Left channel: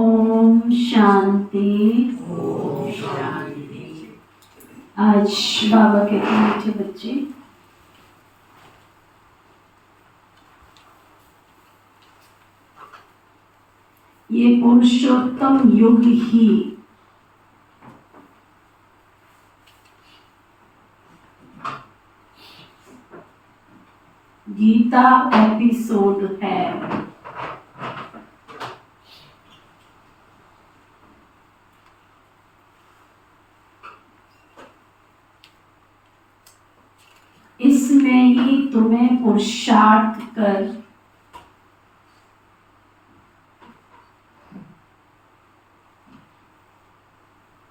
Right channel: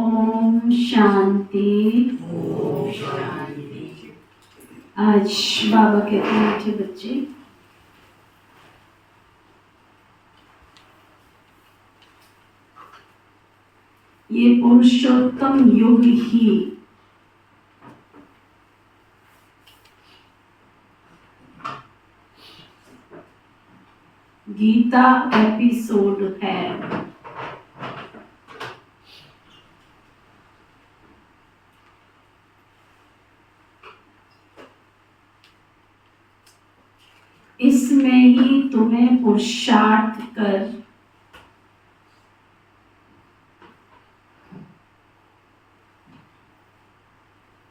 ओम शांति। ओम शांति। आज बाबा कहते हैं मीठे बच्चे, ये पुरुषोत्तम युग ही गीता एपिसोड है। इसमें ही तुम्हें पुरुषार्थ कर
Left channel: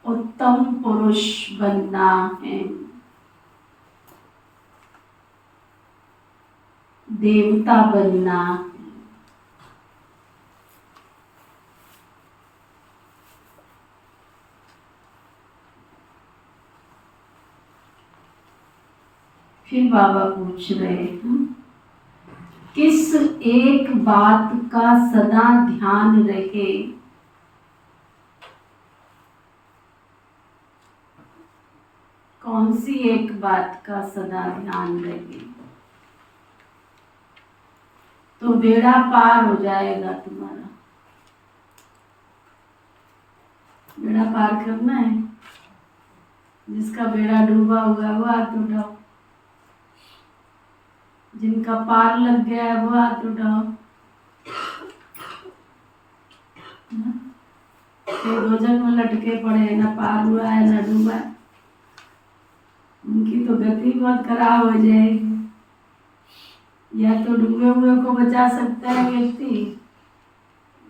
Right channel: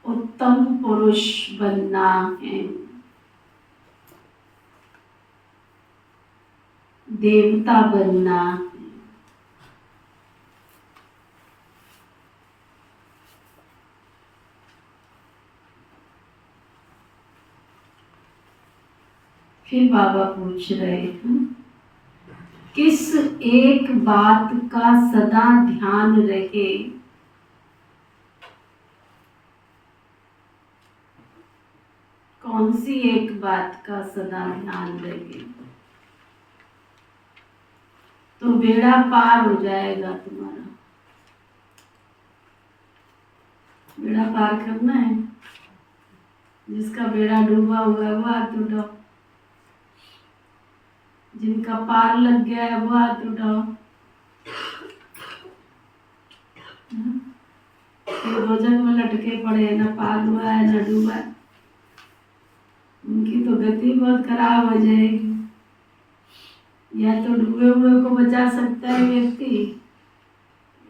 उत्तम पुरुष बनना है, देवता बनना है। फिर बाबा पूछ रहे हैं, किस एक बात का सदा ध्यान रहे, कौन सी एक बात का सदा ध्यान रहे तो बेड़ा पार हो जाएगा तुम्हारा। बेड़ा पार करना है, जिसका बेड़ा डूबा हुआ है वो हाथ उठाओ, जिनका पार लग गया है वो हाथ उठाओ। दो जग में लटके पड़े, ना पार हुआ है ना डूबा है, उनकी तो गति बहुत खराब हो जाएगी। या तो डूबे हुए को बचा सकता है व्यक्ति,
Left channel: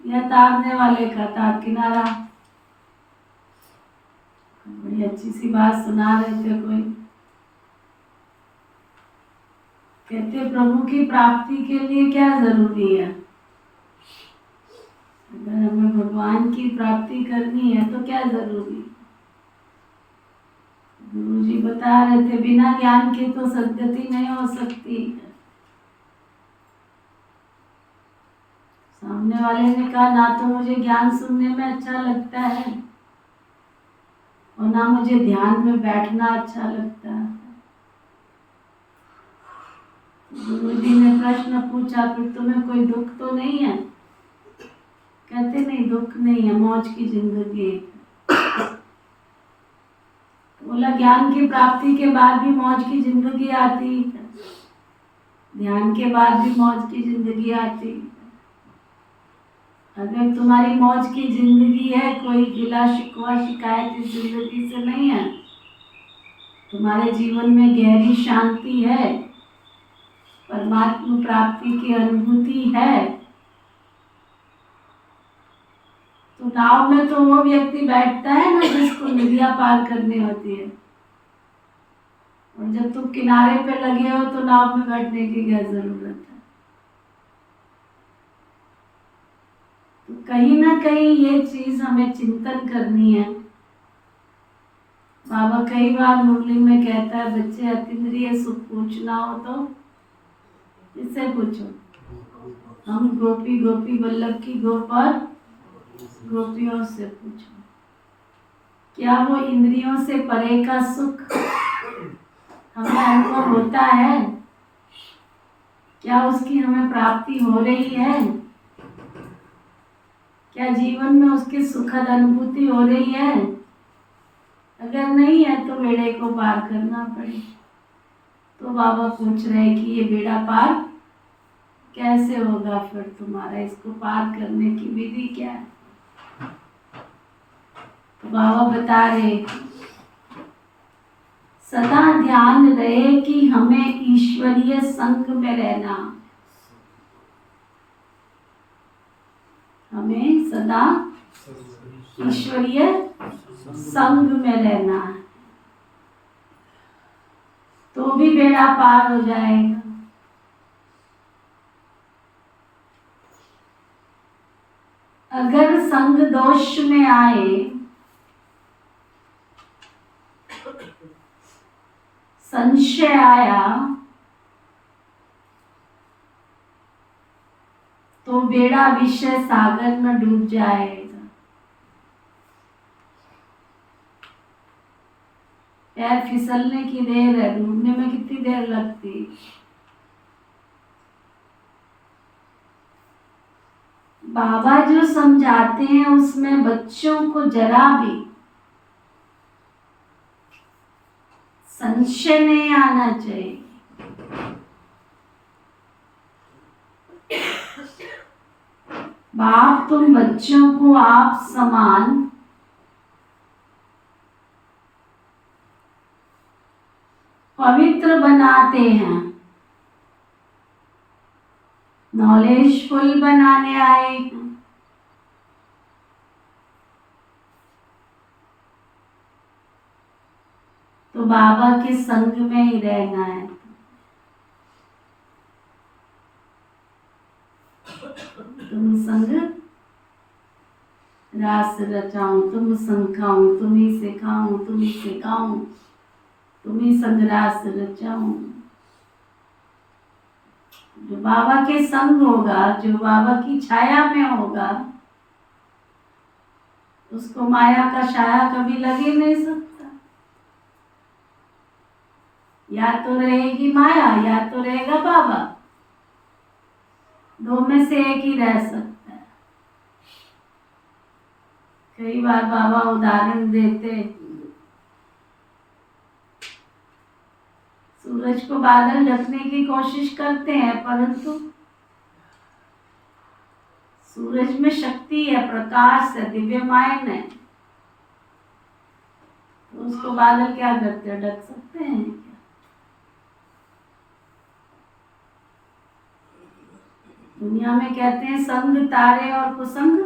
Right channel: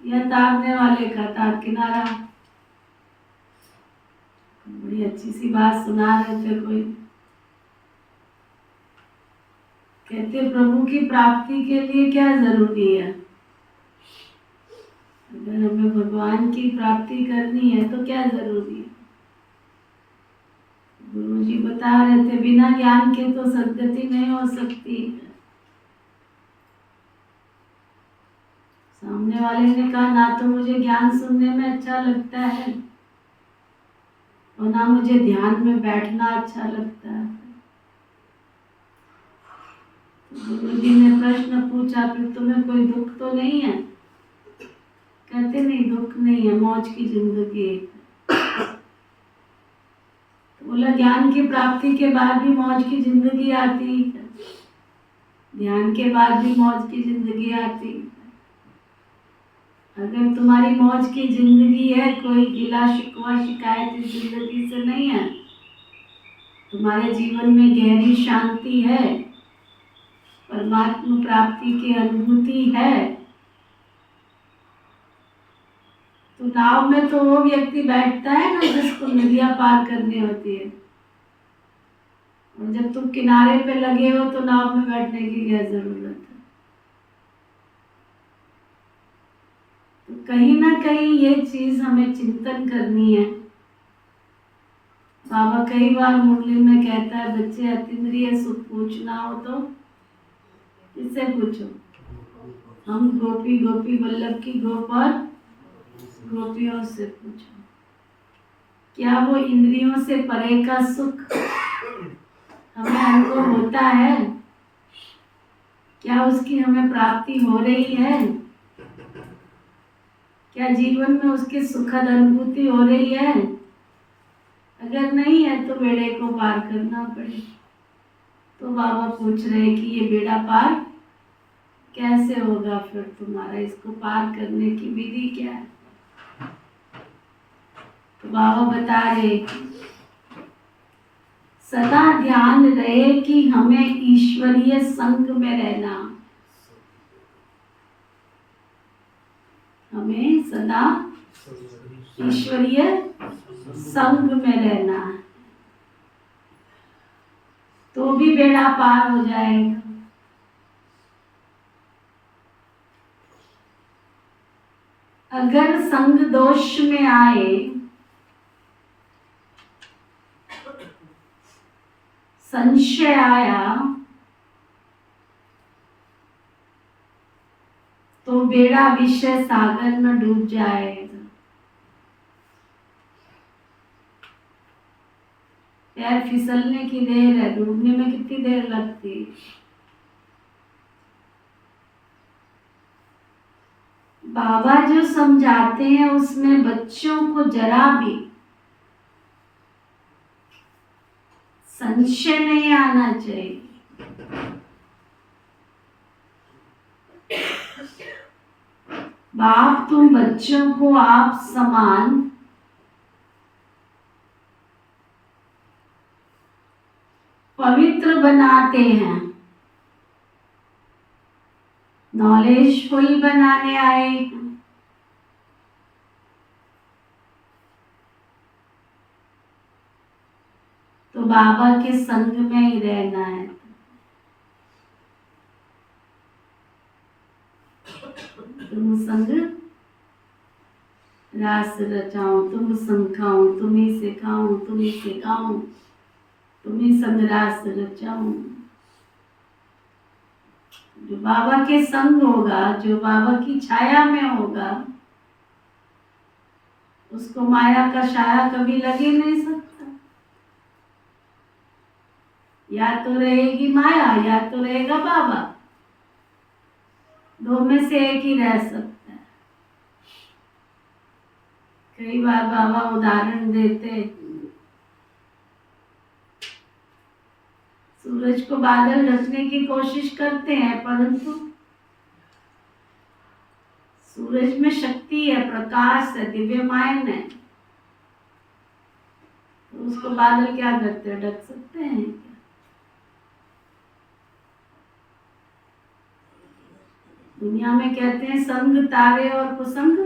या तारने वाले का तार किनारा। बड़ी अच्छी सी बात सुना रहे थे कोई, कहते प्रभु की प्राप्ति के लिए क्या जरूरी है। अगर हमें भगवान की प्राप्ति करनी है तो क्या जरूरी है। गुरु जी बता रहे थे, बिना ज्ञान के तो सद्गति नहीं हो सकती। सामने वाले ने कहा, ना तो मुझे ज्ञान सुनने में अच्छा लगता है और ना मुझे ध्यान में बैठना अच्छा लगता है। गुरु जी ने प्रश्न पूछा, फिर तुम्हें कोई दुख तो नहीं है। कहते नहीं, दुख नहीं है, मौज की जिंदगी है। बोला, ज्ञान की प्राप्ति के बाद भी मौज की जिंदगी आती है, ध्यान के बाद भी मौज की जिंदगी आती है। अगर तुम्हारी मौज की जिंदगी है, कोई गिला शिकवा शिकायत इस जिंदगी से नहीं है, तुम्हारे जीवन में गहरी शांति है, परमात्मा प्राप्ति की अनुभूति है, तो नाव में तो वो व्यक्ति बैठता है ना जिसको नदियां पार करनी होती है। और जब तुम किनारे पे लगे हो तो नाव में बैठने की क्या जरूरत है। तो कहीं ना कहीं ये चीज हमें चिंतन करनी है। बाबा कई बार मुरली में कहता है, बच्चे अतीन्द्रिय सुख पूछना हो तो किससे पूछो। हम गोपी गोपी वल्लभ की गोपाल गोपियों से पूछो। क्या वो इंद्रियों से परे का सुख हमें अनुभव होता है? क्या उसकी हमें प्राप्ति हो रही है? क्या जीवन में उसकी सुखद अनुभूति हो रही है? अगर नहीं है तो बेड़े को पार करना पड़े। तो बाबा पूछ रहे हैं कि ये बेड़ा पार कैसे होगा फिर तुम्हारा, इसको पार करने की विधि क्या है। तो बाबा बता रहे, सदा ध्यान रहे कि हमें ईश्वरीय संग में रहना, हमें सदा ईश्वरीय संग में रहना है, तो भी बेड़ा पार हो जाएगा। अगर संग दोष में आए, संशय आया, तो बेड़ा विषय सागर में डूब जाएगा। पैर फिसलने की देर है, डूबने में कितनी देर लगती। बाबा जो समझाते हैं उसमें बच्चों को जरा भी संशय नहीं आना चाहिए। बाप तुम बच्चों को आप समान पवित्र बनाते हैं, नॉलेजफुल बनाने आए हैं। तो बाबा के संग में ही रहना है। तुम संग रास रचाऊं, तुम संग खाऊं, तुम्ही से खाऊं, तुम्ही से गाऊं, तुम्ही संग रास रचाऊं। जो बाबा के संग होगा, जो बाबा की छाया में होगा, उसको माया का साया कभी लगे नहीं सकता। या तो रहेगी माया या तो रहेगा बाबा, दो में से एक ही रह सकता है। कई बार बाबा उदाहरण देते, सूरज को बादल ढकने की कोशिश करते हैं, परंतु सूरज में शक्ति है, प्रकाश है, दिव्यमान है, तो उसको बादल क्या करते हैं, ढक सकते हैं क्या? दुनिया में कहते हैं संग तारे और कुसंग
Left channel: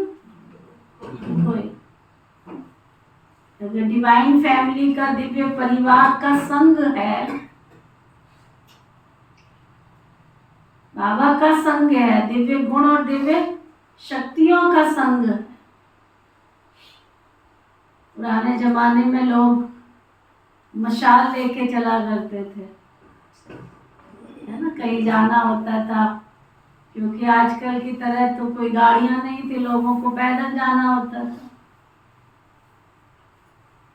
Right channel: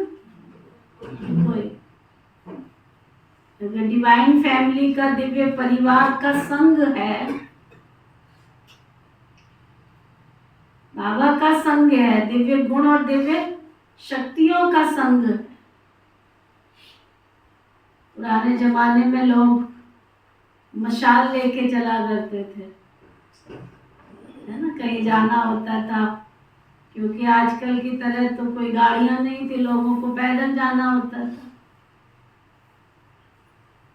कोई। अगर डिवाइन फैमिली का, दिव्य परिवार का संग है, बाबा का संग है, दिव्य गुण और दिव्य शक्तियों का संग है। पुराने जमाने में लोग मशाल लेके चला करते थे, है ना, कहीं जाना होता था, क्योंकि आजकल की तरह तो कोई गाड़ियां नहीं थी, लोगों को पैदल जाना होता था,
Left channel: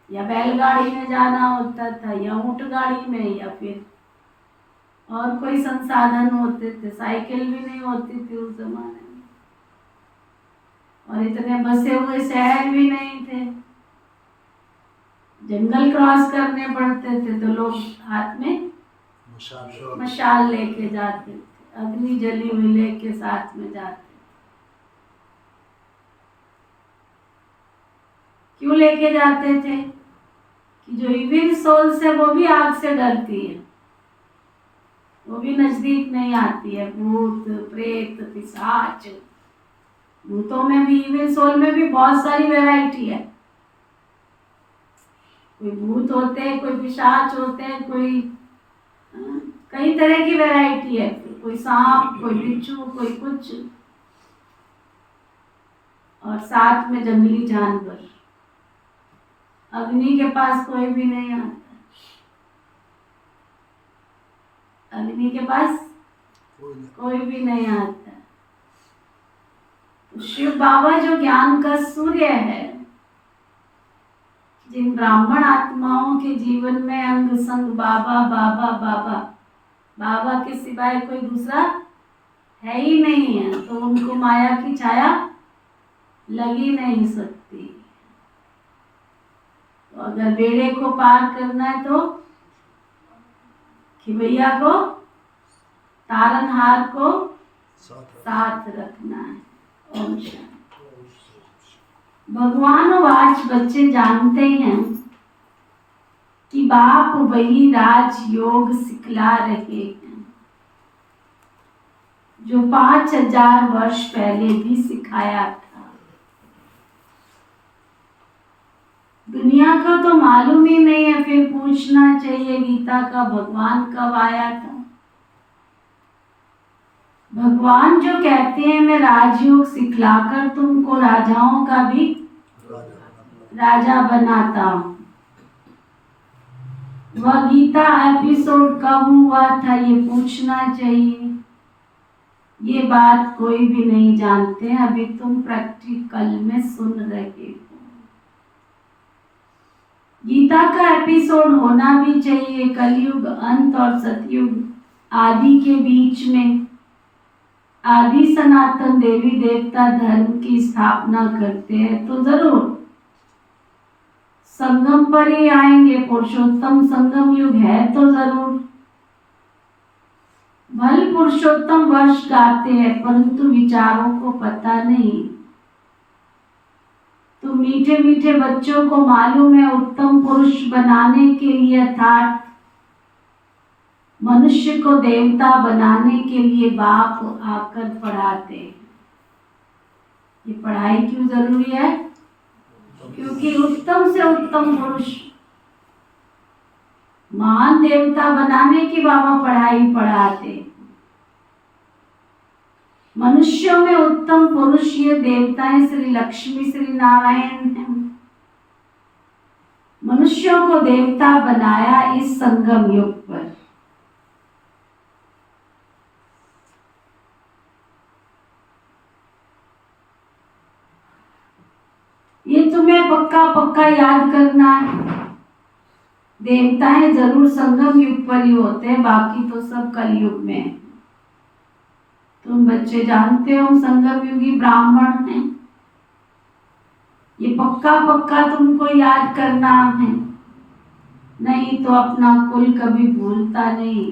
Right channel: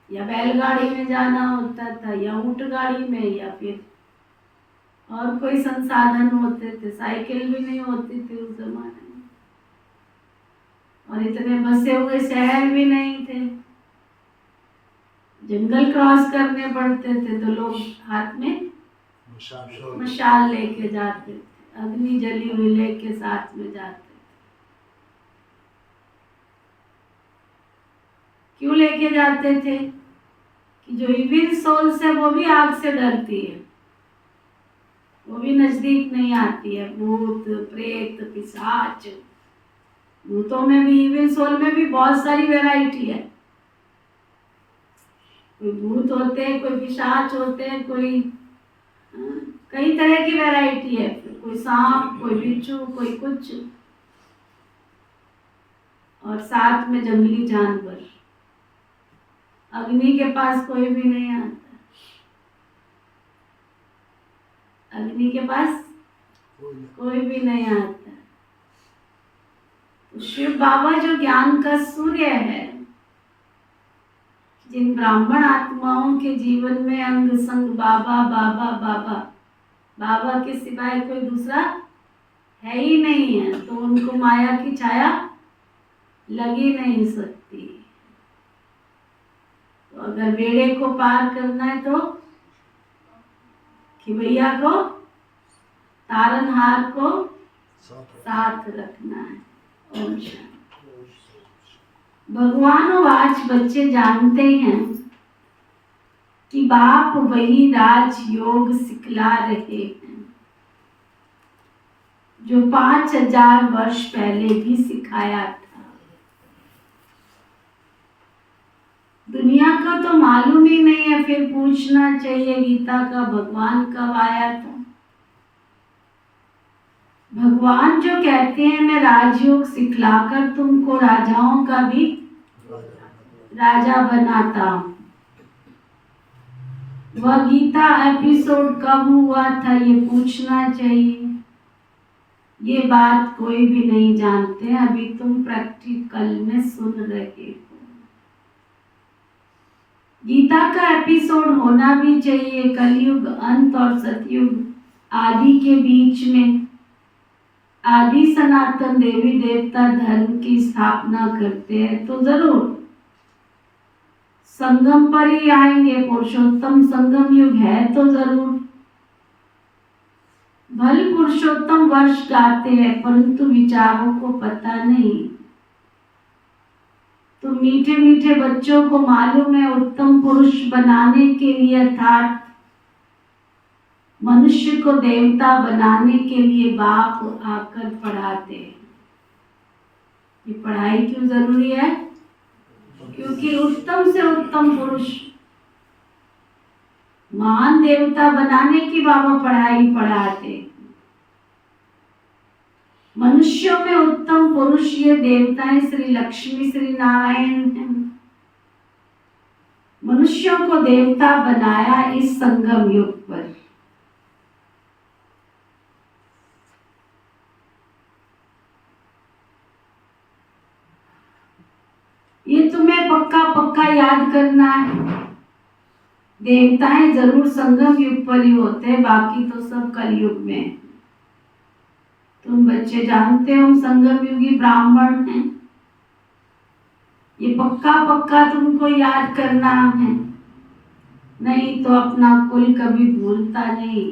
या बैलगाड़ी में जाना होता था, या ऊंट गाड़ी में, या फिर और कोई संसाधन होते थे। साइकिल भी नहीं होती थी उस जमाने में, और इतने बसे हुए शहर भी नहीं थे। जंगल क्रॉस करने पड़ते थे तो लोग हाथ में मशाल लेके जाते थे, अग्नि जली हुई लेके साथ में जाते थे। क्यों लेके जाते थे? कि जो इविल सोल्स है वो भी आग से डरती है, वो भी नजदीक नहीं आती है। भूत प्रेत पिशाच, भूतों में भी, इविल सोल में भी बहुत सारी वैरायटी है। कोई भूत होते हैं, कोई पिशाच होते हैं, कोई कई तरह की वैरायटी है। कोई सांप, कोई बिच्छू, कोई कुछ, और साथ में जंगली जानवर। अग्नि के पास कोई भी नहीं आता, अग्नि के पास कोई भी नहीं आता। तो शिव बाबा जो ज्ञान का सूर्य है, जिन ब्राह्मण आत्माओं के जीवन में अंग संग बाबा बाबा बाबा, बाबा के सिवाय कोई दूसरा है ही नहीं है, तो उनको माया की छाया लगी नहीं सकती। तो अगर बेड़े को पार करना है तो खिवैया को, तारनहार को साथ रखना है। ओम शांति। भगवान और आज बच्चे जानते हैं कि बाप वही राज योग सिखला रहे हैं जो 5000 वर्ष पहले भी सिखाया था। दुनिया को तो मालूम ही नहीं है, फिर पूछना चाहिए गीता का भगवान कब आया था। भगवान जो कहते हैं मैं राजयोग सिखलाकर तुमको राजाओं का भी राजा बनाता हूँ, वह गीता एपिसोड कब हुआ था ये पूछना चाहिए। ये बात कोई भी नहीं जानते, अभी तुम प्रैक्टिकल में सुन रहे हो। गीता का एपिसोड होना भी चाहिए। कलयुग अंत और सतयुग आदि के बीच में आदि सनातन देवी देवता धर्म की स्थापना करते हैं, तो जरूर संगम पर ही आएंगे। पुरुषोत्तम संगम युग है तो जरूर। भले पुरुषोत्तम वर्ष गाते हैं परंतु विचारों को पता नहीं। तो मीठे मीठे बच्चों को मालूम है उत्तम पुरुष बनाने के लिए अर्थात मनुष्य को देवता बनाने के लिए बाप आकर पढ़ाते हैं। ये पढ़ाई क्यों जरूरी है? क्योंकि उत्तम से उत्तम पुरुष महान देवता बनाने की बाबा पढ़ाई पढ़ाते। मनुष्यों में उत्तम पुरुष ये देवताएं श्री लक्ष्मी श्री नारायण हैं। मनुष्यों को देवता बनाया इस संगम युग पर। ये तुम्हें पक्का पक्का याद करना है। देवताएं जरूर संगम युग पर ही होते हैं, बाकी तो सब कलयुग में है। तुम बच्चे जानते हो हम संगम युगी ब्राह्मण हैं। ये पक्का पक्का तुमको याद करना है, नहीं तो अपना कुल कभी भूलता नहीं।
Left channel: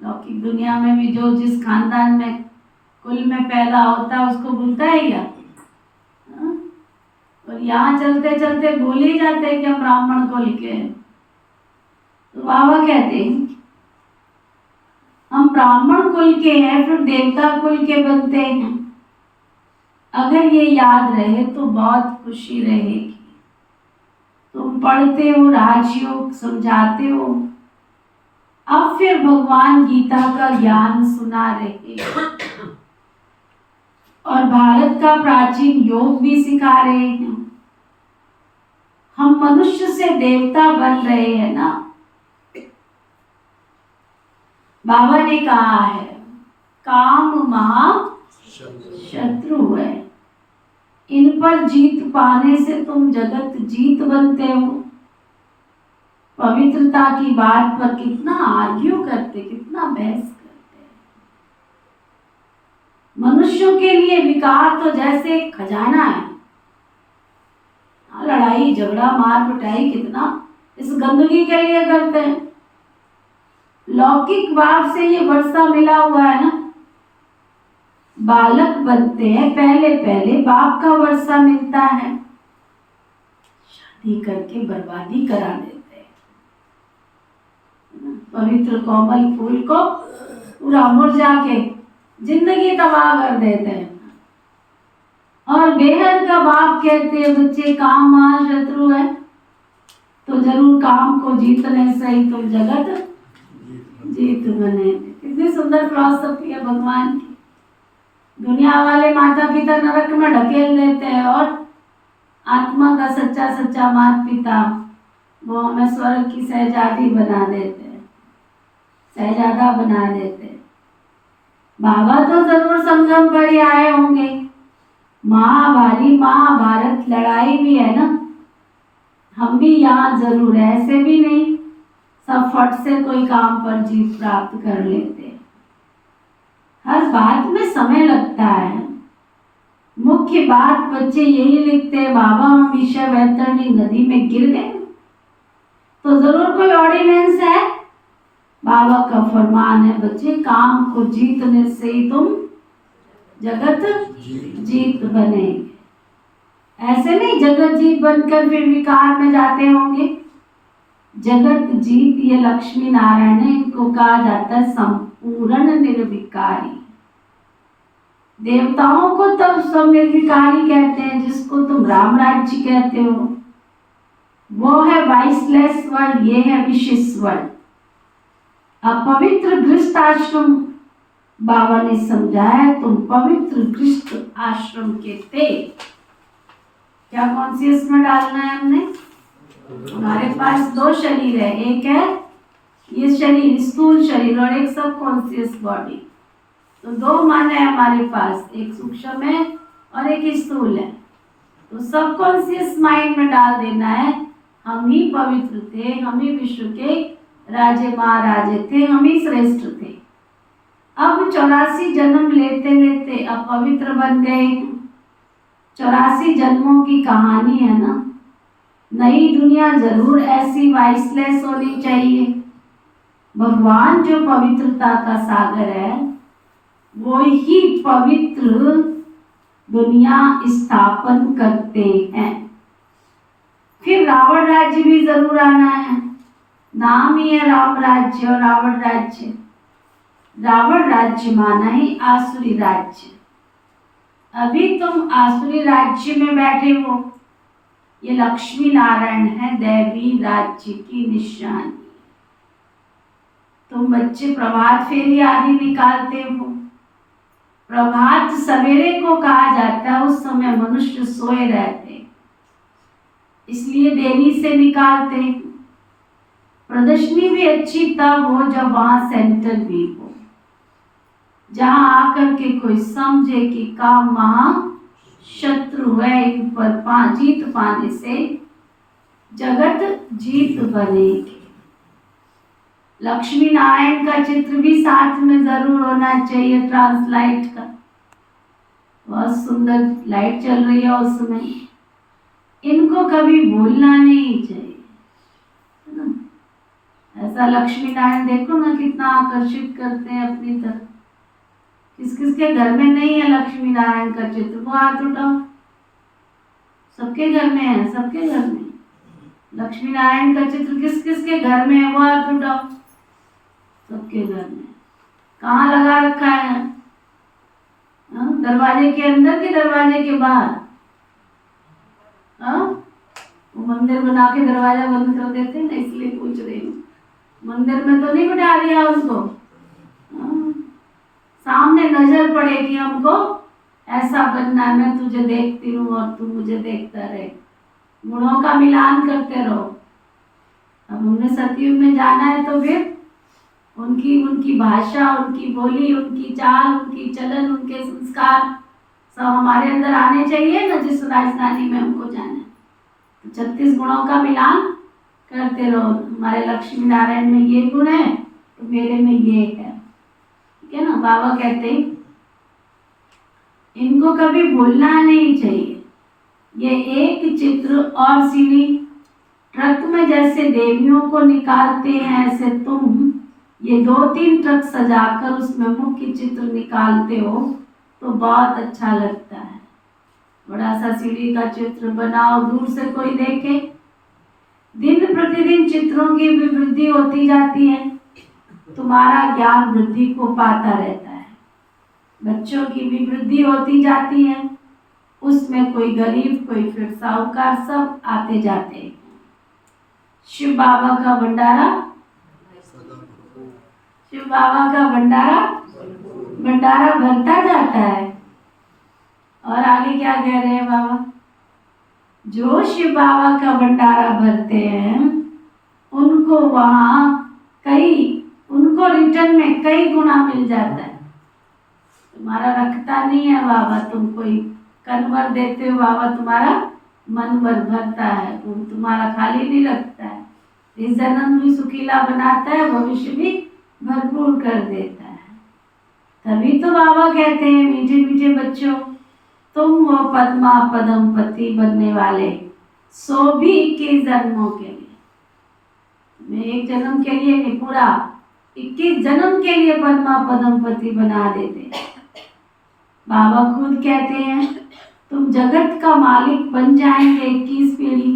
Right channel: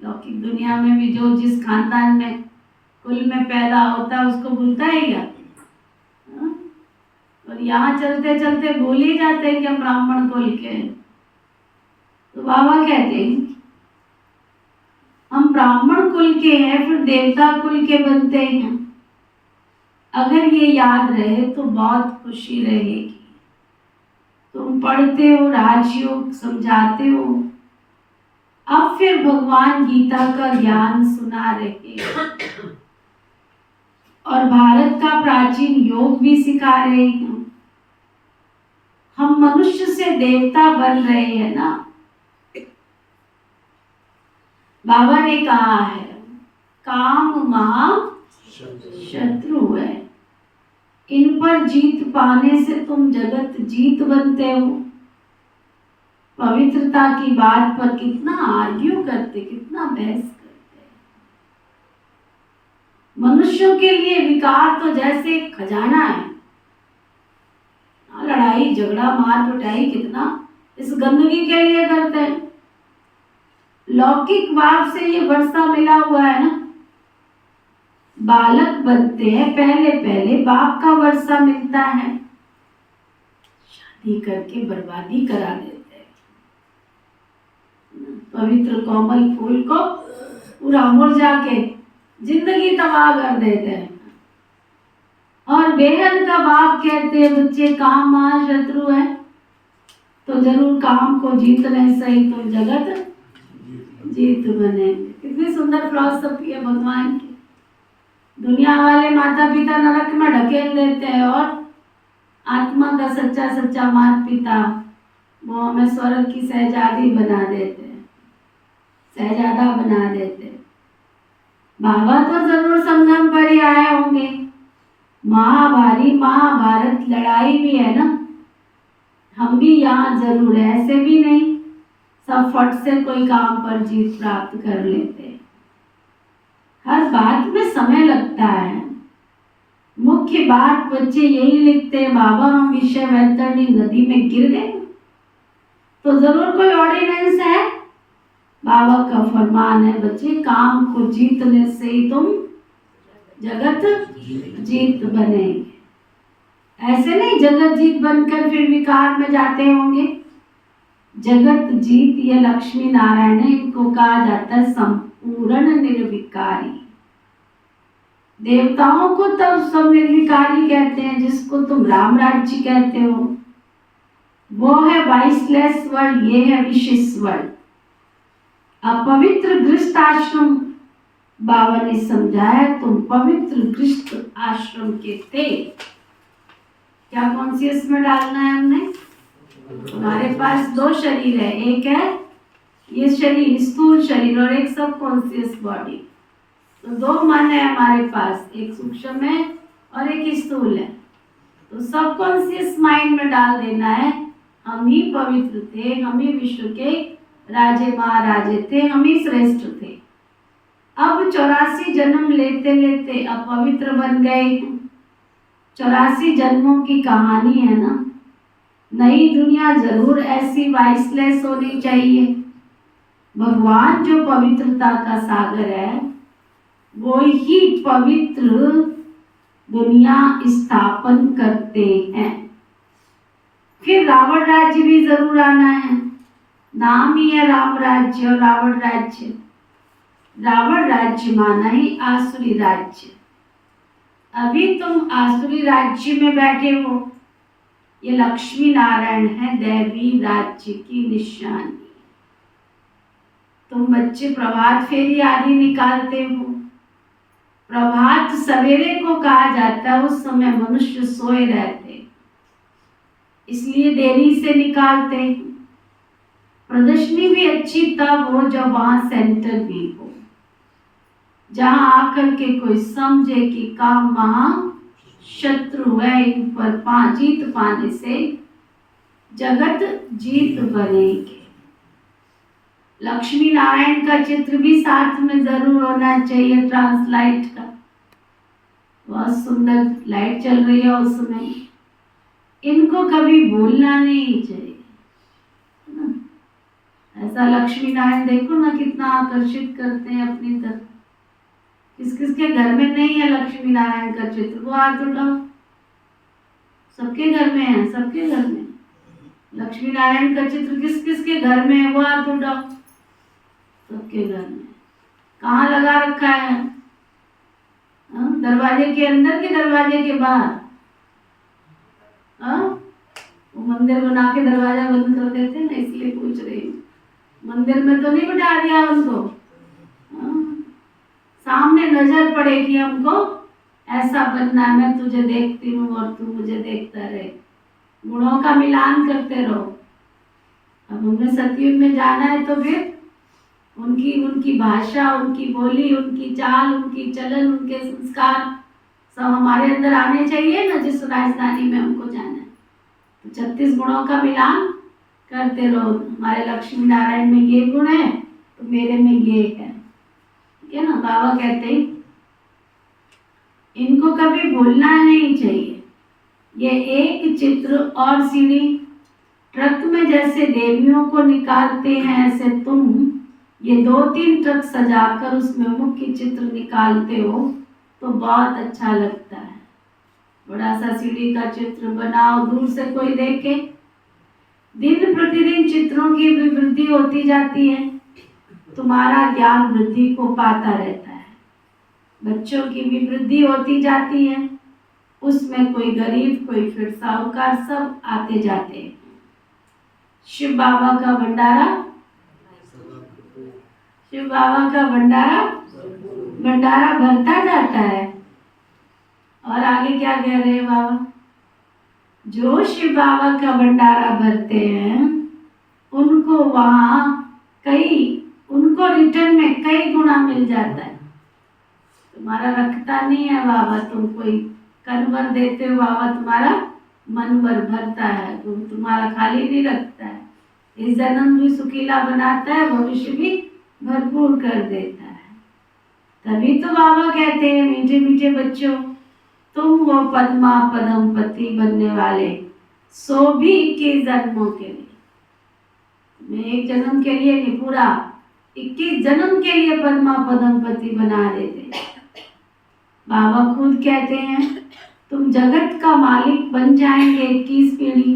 लौकिक दुनिया में भी जो जिस खानदान में कुल में पैदा होता है उसको भूलता है क्या? और यहाँ चलते चलते भूल ही जाते हैं कि हम ब्राह्मण कुल के हैं। तो बाबा कहते हैं हम ब्राह्मण कुल के हैं फिर देवता कुल के बनते हैं। अगर ये याद रहे तो बहुत खुशी रहेगी। तुम पढ़ते हो, राजयोग समझाते हो, अब फिर भगवान गीता का ज्ञान सुना रहे और भारत का प्राचीन योग भी सिखा रहे हैं। हम मनुष्य से देवता बन रहे हैं ना। बाबा ने कहा है काम महा शत्रु है, इन पर जीत पाने से तुम जगत जीत बनते हो। पवित्रता की बात पर कितना आर्ग्यू करते, कितना बहस करते। मनुष्यों के लिए विकार तो जैसे एक खजाना है। लड़ाई झगड़ा मार पिटाई कितना इस गंदगी के लिए करते हैं। लौकिक बाप से ये वर्षा मिला हुआ है ना। बालक बनते हैं पहले पहले बाप का वर्षा मिलता है, शादी करके बर्बादी करा देते हैं। पवित्र कोमल फूल को पूरा मुरझा के जिंदगी तबाह कर देते हैं। और बेहद का बाप कहते हैं बच्चे काम महा शत्रु है, तो जरूर काम को जीतने से ही तुम जगत जीत बने। कितनी सुंदर फिलॉसफी है भगवान की। दुनिया वाले माता पिता नरक में ढकेल देते हैं और आत्मा का सच्चा सच्चा माता पिता वो हमें स्वर्ग की सहजादी बना देते हैं, सहजादा बना देते हैं। बाबा तो जरूर संगम पर ही आए होंगे। महाभारत लड़ाई भी है ना। हम भी यहाँ जरूर है, ऐसे भी नहीं सब फट से कोई काम पर जीत प्राप्त कर लेते। हर बात में समय लगता है। मुख्य बात बच्चे यही लिखते हैं बाबा हम विषय वैतरणी नदी में गिर गए, तो जरूर कोई ऑर्डिनेंस है। बाबा का फरमान है बच्चे काम को जीतने से ही तुम जगत जीत बनेंगे। ऐसे नहीं जगत जीत बनकर फिर विकार में जाते होंगे। जगत जीत ये लक्ष्मी नारायण है, इनको कहा जाता है संपूर्ण निर्विकारी। देवताओं को तब सब निर्विकारी कहते हैं जिसको तुम राम राज्य कहते हो। वो है वाइसलेस वर्ल्ड, ये है विशिष्ट वर्ल्ड। अपवित्र गृहस्थ आश्रम बाबा ने समझाया तुम पवित्र गृहस्थ आश्रम के थे। क्या कॉन्शियस में डालना है हमने? हमारे पास दो शरीर है, एक है ये शरीर स्थूल शरीर और एक सब कॉन्शियस बॉडी। तो दो मन है हमारे पास, एक सूक्ष्म है और एक स्थूल है। तो सब कॉन्शियस माइंड में डाल देना है हम ही पवित्र थे, हम ही विश्व के राजे महाराजे थे, हम ही श्रेष्ठ थे। अब 84 जन्म लेते लेते अपवित्र बन गए हैं। 84 जन्मों की कहानी है ना। नई दुनिया जरूर ऐसी वाइसलेस होनी चाहिए। भगवान जो पवित्रता का सागर है, वो ही पवित्र दुनिया स्थापन करते हैं। फिर रावण राज्य भी जरूर आना है। नाम ही है राम राज्य और रावण राज्य। रावण राज्य माना ही आसुरी राज्य। अभी तुम आसुरी राज्य में बैठे हो। ये लक्ष्मी नारायण है, दैवी राज्य की निशानी। तुम बच्चे प्रभात फेरी आदि निकालते हो। प्रभात सवेरे को कहा जाता है, उस समय मनुष्य सोए रहते, इसलिए देरी से निकालते हैं। प्रदर्शनी भी अच्छी तब हो जब वहां सेंटर भी हो, जहां आकर के कोई समझे कि काम महा शत्रु है, इन पर जीत पाने से जगत जीत बनेगी। लक्ष्मी नारायण का चित्र भी साथ में जरूर होना चाहिए, ट्रांसलाइट का। बहुत सुंदर लाइट चल रही है उसमें। इनको कभी भूलना नहीं चाहिए, है ना। ऐसा लक्ष्मी नारायण देखो ना कितना आकर्षित करते हैं अपनी तरफ। किस किस के घर में नहीं है लक्ष्मी नारायण का चित्र, वो हाथ उठाओ। सबके घर में है, सबके घर में लक्ष्मी नारायण का चित्र किस किस के घर में है, वो हाथ उठाओ। सबके घर में। कहाँ लगा रखा है? दरवाजे के अंदर के दरवाजे के बाहर? वो मंदिर बना के दरवाजा बंद कर देते ना, इसलिए पूछ रही हूँ। मंदिर में तो नहीं बिठा दिया उनको। सामने नजर पड़ेगी हमको, ऐसा बनना है, मैं तुझे देखती हूँ और तू मुझे देखता रहे। गुणों का मिलान करते रहो। अब हमने सतयुग में जाना है तो फिर उनकी भाषा, उनकी बोली, उनकी चाल, उनकी चलन, उनके संस्कार सब हमारे अंदर आने चाहिए ना, जिस राजधानी में हमको जाना है। तो 36 गुणों का मिलान करते रहो। हमारे लक्ष्मी नारायण में ये गुण है तो मेरे में ये है, ठीक है ना। बाबा कहते हैं इनको कभी भूलना नहीं चाहिए। ये एक चित्र और सीढ़ी, ट्रक में जैसे देवियों को निकालते हैं, ऐसे तुम ये 2-3 ट्रक सजाकर उसमें मुख्य चित्र निकालते हो तो बहुत अच्छा लगता है। बड़ा सा सीढ़ी का चित्र बनाओ, दूर से कोई देखे। दिन प्रतिदिन चित्रों की भी वृद्धि होती जाती है, तुम्हारा ज्ञान वृद्धि को पाता रहता है। बच्चों की भी वृद्धि होती जाती है, उसमें कोई गरीब, कोई फिर साहूकार, सब आते जाते हैं। शिव बाबा का भंडारा, शिव बाबा का भंडारा भरता जाता है। और आगे क्या कह रहे हैं बाबा? जो शिव बाबा का भंडारा भरते हैं उनको उनको रिटर्न में कई गुना मिल जाता है। तुम्हारा रखता नहीं है बाबा, तुम कोई कन्वर देते हो, बाबा तुम्हारा मन भर भरता है, तुम्हारा खाली नहीं रखता है। इस जन्म भी सुखीला बनाता है, भविष्य भी भरपूर कर देता है। तभी तो बाबा कहते हैं मीठे मीठे बच्चों, तुम हो पद्मा पदम पति बनने वाले, सो भी 21 जन्मों के लिए। मैं एक जन्म के लिए नहीं, पूरा 21 जन्म के लिए पद्मा पदम पति बना देते। बाबा खुद कहते हैं तुम जगत का मालिक बन जाएंगे 21 पीढ़ी।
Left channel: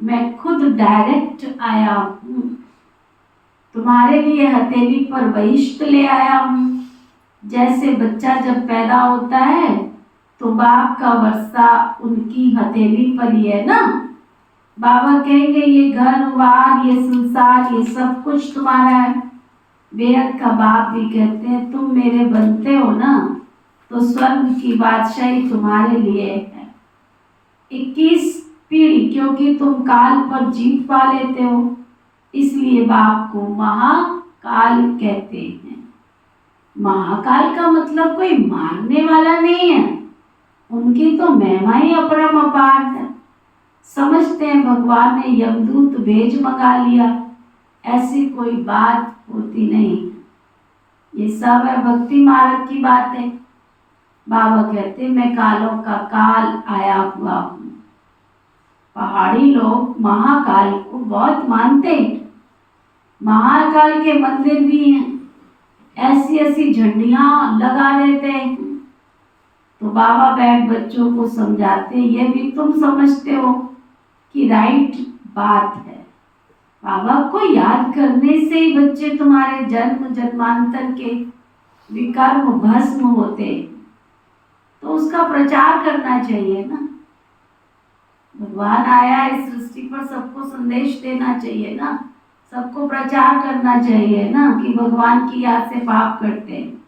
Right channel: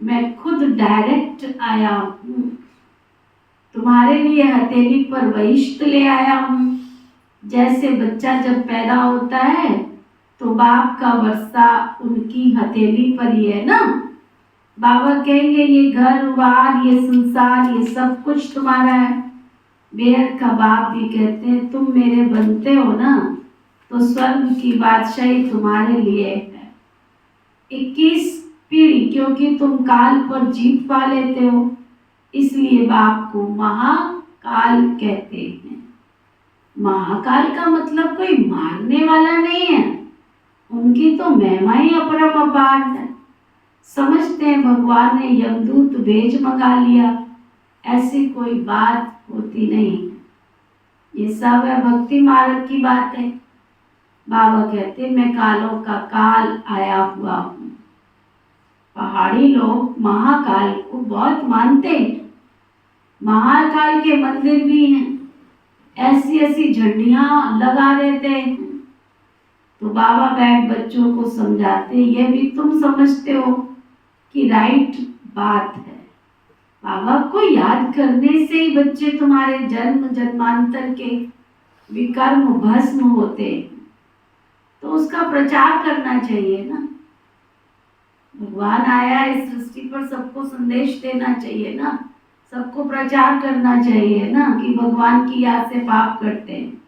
मैं खुद डायरेक्ट आया हूँ, तुम्हारे लिए हथेली पर बहिष्ठ ले आया हूँ। जैसे बच्चा जब पैदा होता है तो बाप का वर्षा उनकी हथेली पर ही है ना। बाबा कहेंगे ये घर बार, ये संसार, ये सब कुछ तुम्हारा है। बेहद का बाप भी कहते हैं तुम मेरे बनते हो ना, तो स्वर्ग की बादशाही तुम्हारे लिए है। 21 पीढ़ी, क्योंकि तुम काल पर जीत पा लेते हो, इसलिए बाप को महाकाल कहते हैं। महाकाल का मतलब कोई मारने वाला नहीं है, उनकी तो महिमा ही अपरम अपार है। समझते हैं भगवान ने यमदूत भेज मंगा लिया। ऐसी कोई बात होती नहीं है। ये सब है भक्ति मार्ग की बात है। बाबा कहते मैं कालों का काल आया हुआ हूँ। पहाड़ी लोग महाकाल को बहुत मानते हैं। महाकाल के मंदिर भी हैं, ऐसी ऐसी झंडियां लगा देते हैं। तो बाबा बैठ बच्चों को समझाते, ये भी तुम समझते हो कि राइट बात है। बाबा को याद करने से ही बच्चे तुम्हारे जन्म जन्मांतर के विकर्म भस्म होते, तो उसका प्रचार करना चाहिए ना। भगवान आया है इस सृष्टि पर, सबको संदेश देना चाहिए ना, सबको प्रचार करना चाहिए ना कि भगवान की याद से पाप करते हैं।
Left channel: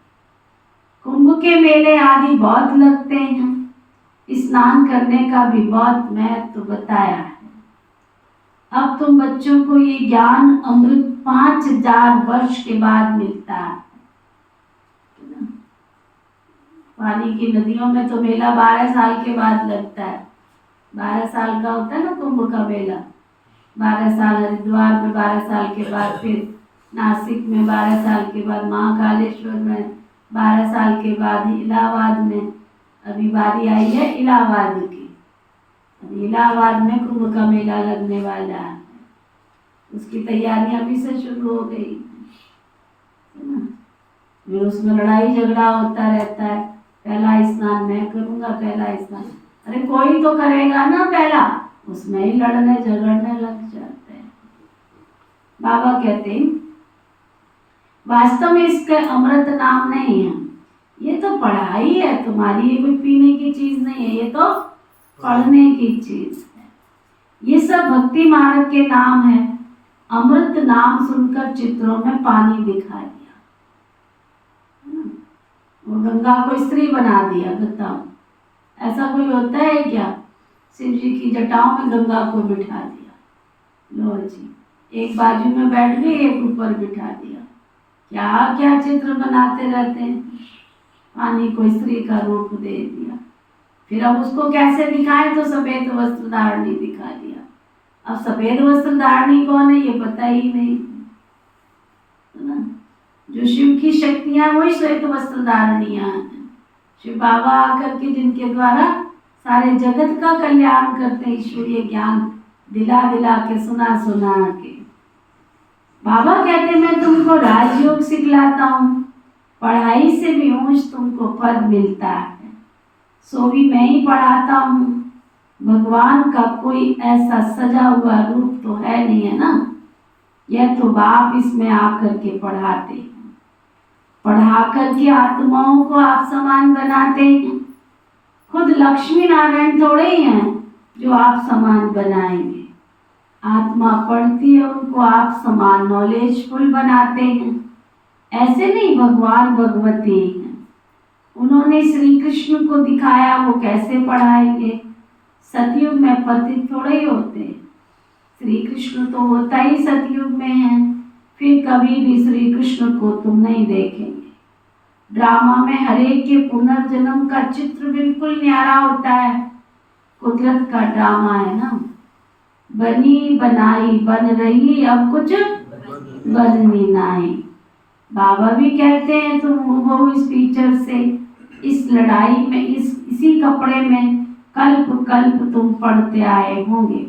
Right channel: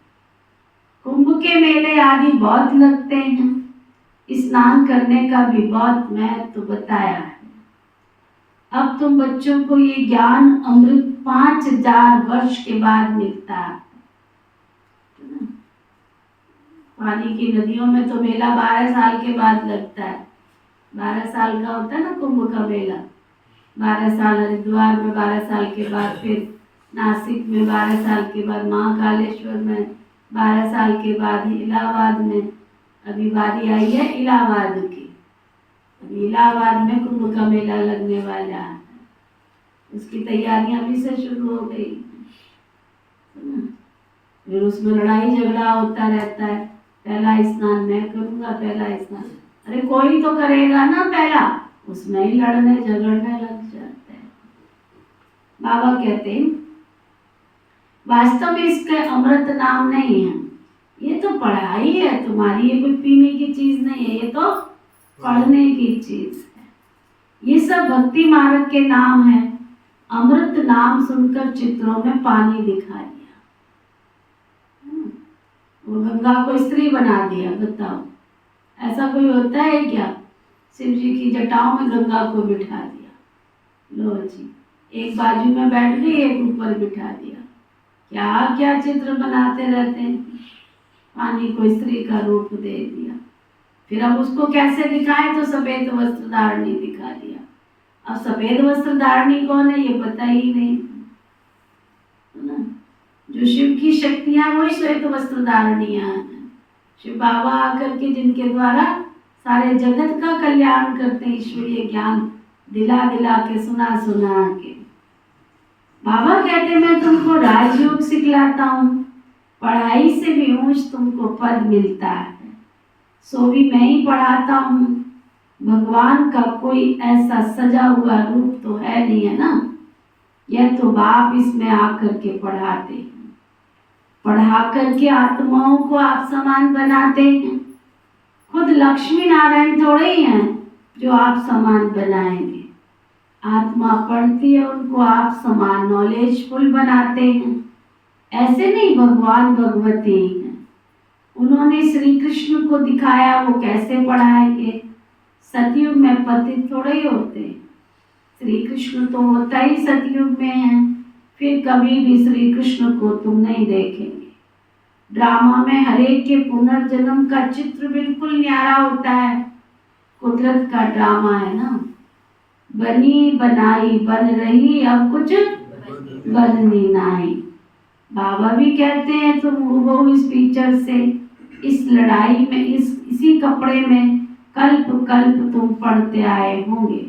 कुंभ के मेले आदि बहुत लगते हैं, स्नान करने का भी बहुत महत्व बताया है। अब तुम बच्चों को ये ज्ञान अमृत 5000 वर्ष के बाद मिलता है। पानी की नदियों में तो मेला 12 साल के बाद लगता है। 12 साल का होता है ना कुंभ का मेला। 12 साल हरिद्वार में, 12 साल के बाद फिर नासिक में, 12 साल के बाद महाकालेश्वर में, 12 साल के बाद इलाहाबाद में। अभी बारी आई है इलाहाबाद की। अभी इलाहाबाद में कुंभ का मेला लगने वाला है। उसकी तैयारियां भी से शुरू हो गई है ना। फिर उसमें लड़ाई झगड़ा होता रहता है, पहला स्नान मैं करूंगा, पहला स्नान। अरे कोई तो करेगा ना पहला, उसमें ही लड़ने झगड़ने लग जाते हैं। बाबा कहते हैं वास्तव में इसके अमृत नाम नहीं है, ये तो पढ़ाई है तुम्हारी, ये कोई पीने की चीज नहीं है, ये तो पढ़ने की चीज है। ये सब भक्ति मार्ग के नाम है। अमृत नाम सुनकर चित्रों में पानी दिखा दिया, वो गंगा को स्त्री बना दिया। बताओ ऐसा कोई होता है क्या? शिव जी की जटाओं में गंगा को बिठा दिया, लो जी, एक बाजू में बैठ गई, एक ऊपर बिठा दिया। क्या क्या चित्र बनाते रहते हैं। पानी को स्त्री का रूप दे दिया। फिर अब उसको कैसे दिखाएं, तो सफेद वस्त्र धारणी दिखा दिया। अब सफेद वस्त्र धारणी कौन है ये पता ही नहीं है ना। जो शिव की शक्तियां वही श्वेत वस्त्र धारणियां हैं। शिव बाबा आकर के जिनके द्वारा सारे जगत का कल्याण करते, ईश्वरीय ज्ञान दिला दिला के, सुना सुना के। बाबा कहते मैं तुमको राजयोग सिखलाता हूँ, पढ़ाई से भी ऊंच तुमको पद मिलता है, सो भी मैं ही पढ़ाता हूँ। भगवान का कोई ऐसा सजा हुआ रूप तो है नहीं, है ना। यह तो बाप इसमें आकर के पढ़ाते हैं, पढ़ा करके आत्माओं को आप समान बनाते हैं। खुद लक्ष्मी नारायण थोड़े ही हैं जो आप समान बनाएंगे। आत्मा पढ़ती है, उनको आप समान नॉलेजफुल बनाते हैं। ऐसे नहीं भगवान भगवती हैं, उन्होंने श्री कृष्ण को दिखाया, वो कैसे पढ़ाएंगे। सतयुग में पति थोड़े ही होते, श्री कृष्ण तो होता ही सतयुग में है। फिर कभी भी श्री कृष्ण को तुम नहीं देखेंगे। ड्रामा में हरेक के पुनर्जन्म का चित्र बिल्कुल न्यारा होता है। कुदरत का ड्रामा है ना, बनी बनाई बन रही, अब कुछ बननी नहीं। बाबा भी कहते हैं तुम वो इस पिक्चर से, इस लड़ाई में, इसी कपड़े में कल्प कल्प तुम पढ़ते आए होंगे।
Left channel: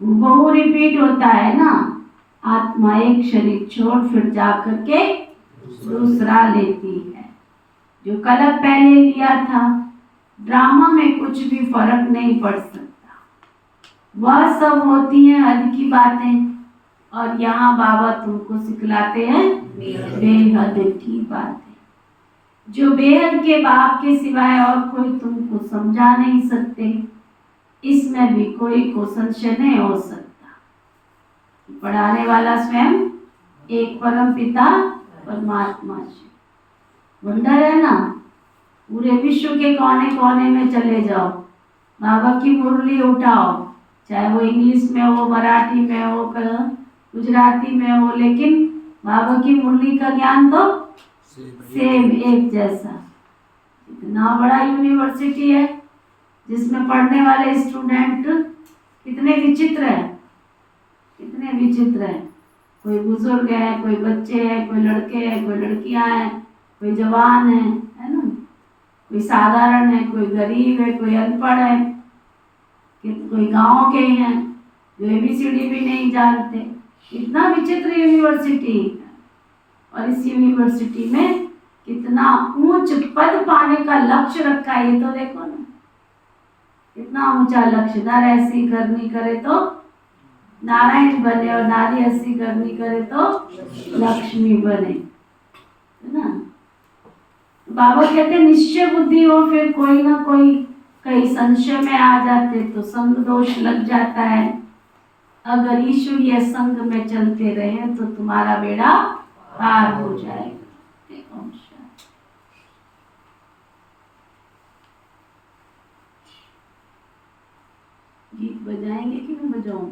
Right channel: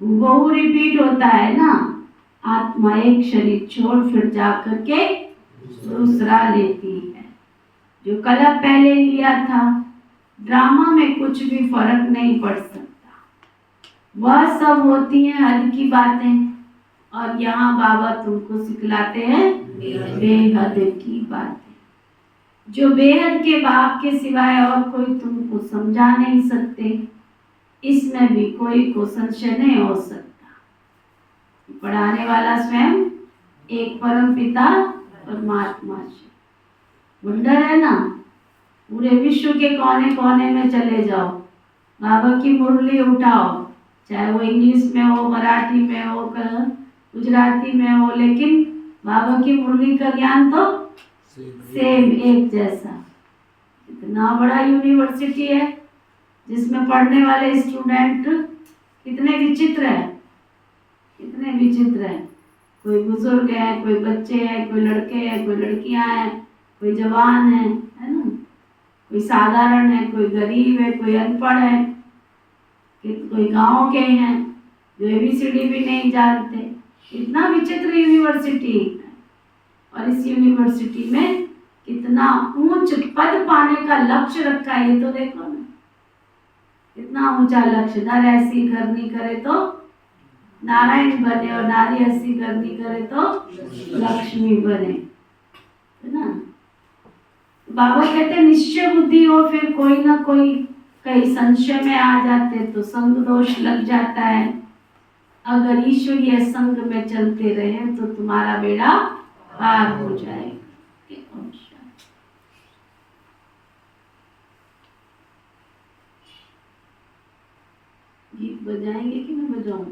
वो रिपीट होता है ना। आत्मा एक शरीर छोड़ फिर जाकर के दूसरा लेती है। जो कलप पहले लिया था, ड्रामा में कुछ भी फर्क नहीं पड़ सकता। वह सब होती हैं हद की बातें, और यहाँ बाबा तुमको सिखलाते हैं बेहद की बातें, जो बेहद के बाप के सिवाय और कोई तुमको समझा नहीं सकते। इसमें भी कोई को संशय नहीं हो सकता। पढ़ाने वाला स्वयं एक परम पिता परमात्मा शिव। वंडर है ना। पूरे विश्व के कोने कोने में चले जाओ, बाबा की मुरली उठाओ, चाहे वो इंग्लिश में हो, मराठी में हो, गुजराती में हो, लेकिन बाबा की मुरली का ज्ञान तो सेम एक जैसा। इतना बड़ा यूनिवर्सिटी है जिसमें पढ़ने वाले स्टूडेंट कितने विचित्र है, कितने विचित्र है। कोई बुजुर्ग है, कोई बच्चे हैं, कोई लड़के हैं, कोई लड़कियां हैं, कोई जवान है ना, कोई साधारण है, कोई गरीब है, कोई अनपढ़ है, कोई गांव के हैं जो ABCD भी नहीं जानते। इतना विचित्र यूनिवर्सिटी, और इस यूनिवर्सिटी में कितना ऊंच पद पाने का लक्ष्य रखा है, ये तो देखो ना, कितना ऊंचा लक्ष्य। नर ऐसी करनी करे तो नारायण बने, और नारी ऐसी करनी करे तो लक्ष्मी बने, है ना। बाबा कहते निश्चय बुद्धि हो, फिर कोई ना कोई कहीं संशय में आ जाते तो संग दोष लग जाता है। अगर ईश्वरीय संग में चलते रहे तो तुम्हारा बेड़ा पार हो जाएगा। ओम शांति। गीत बजाएंगे कि मैं बजाऊं?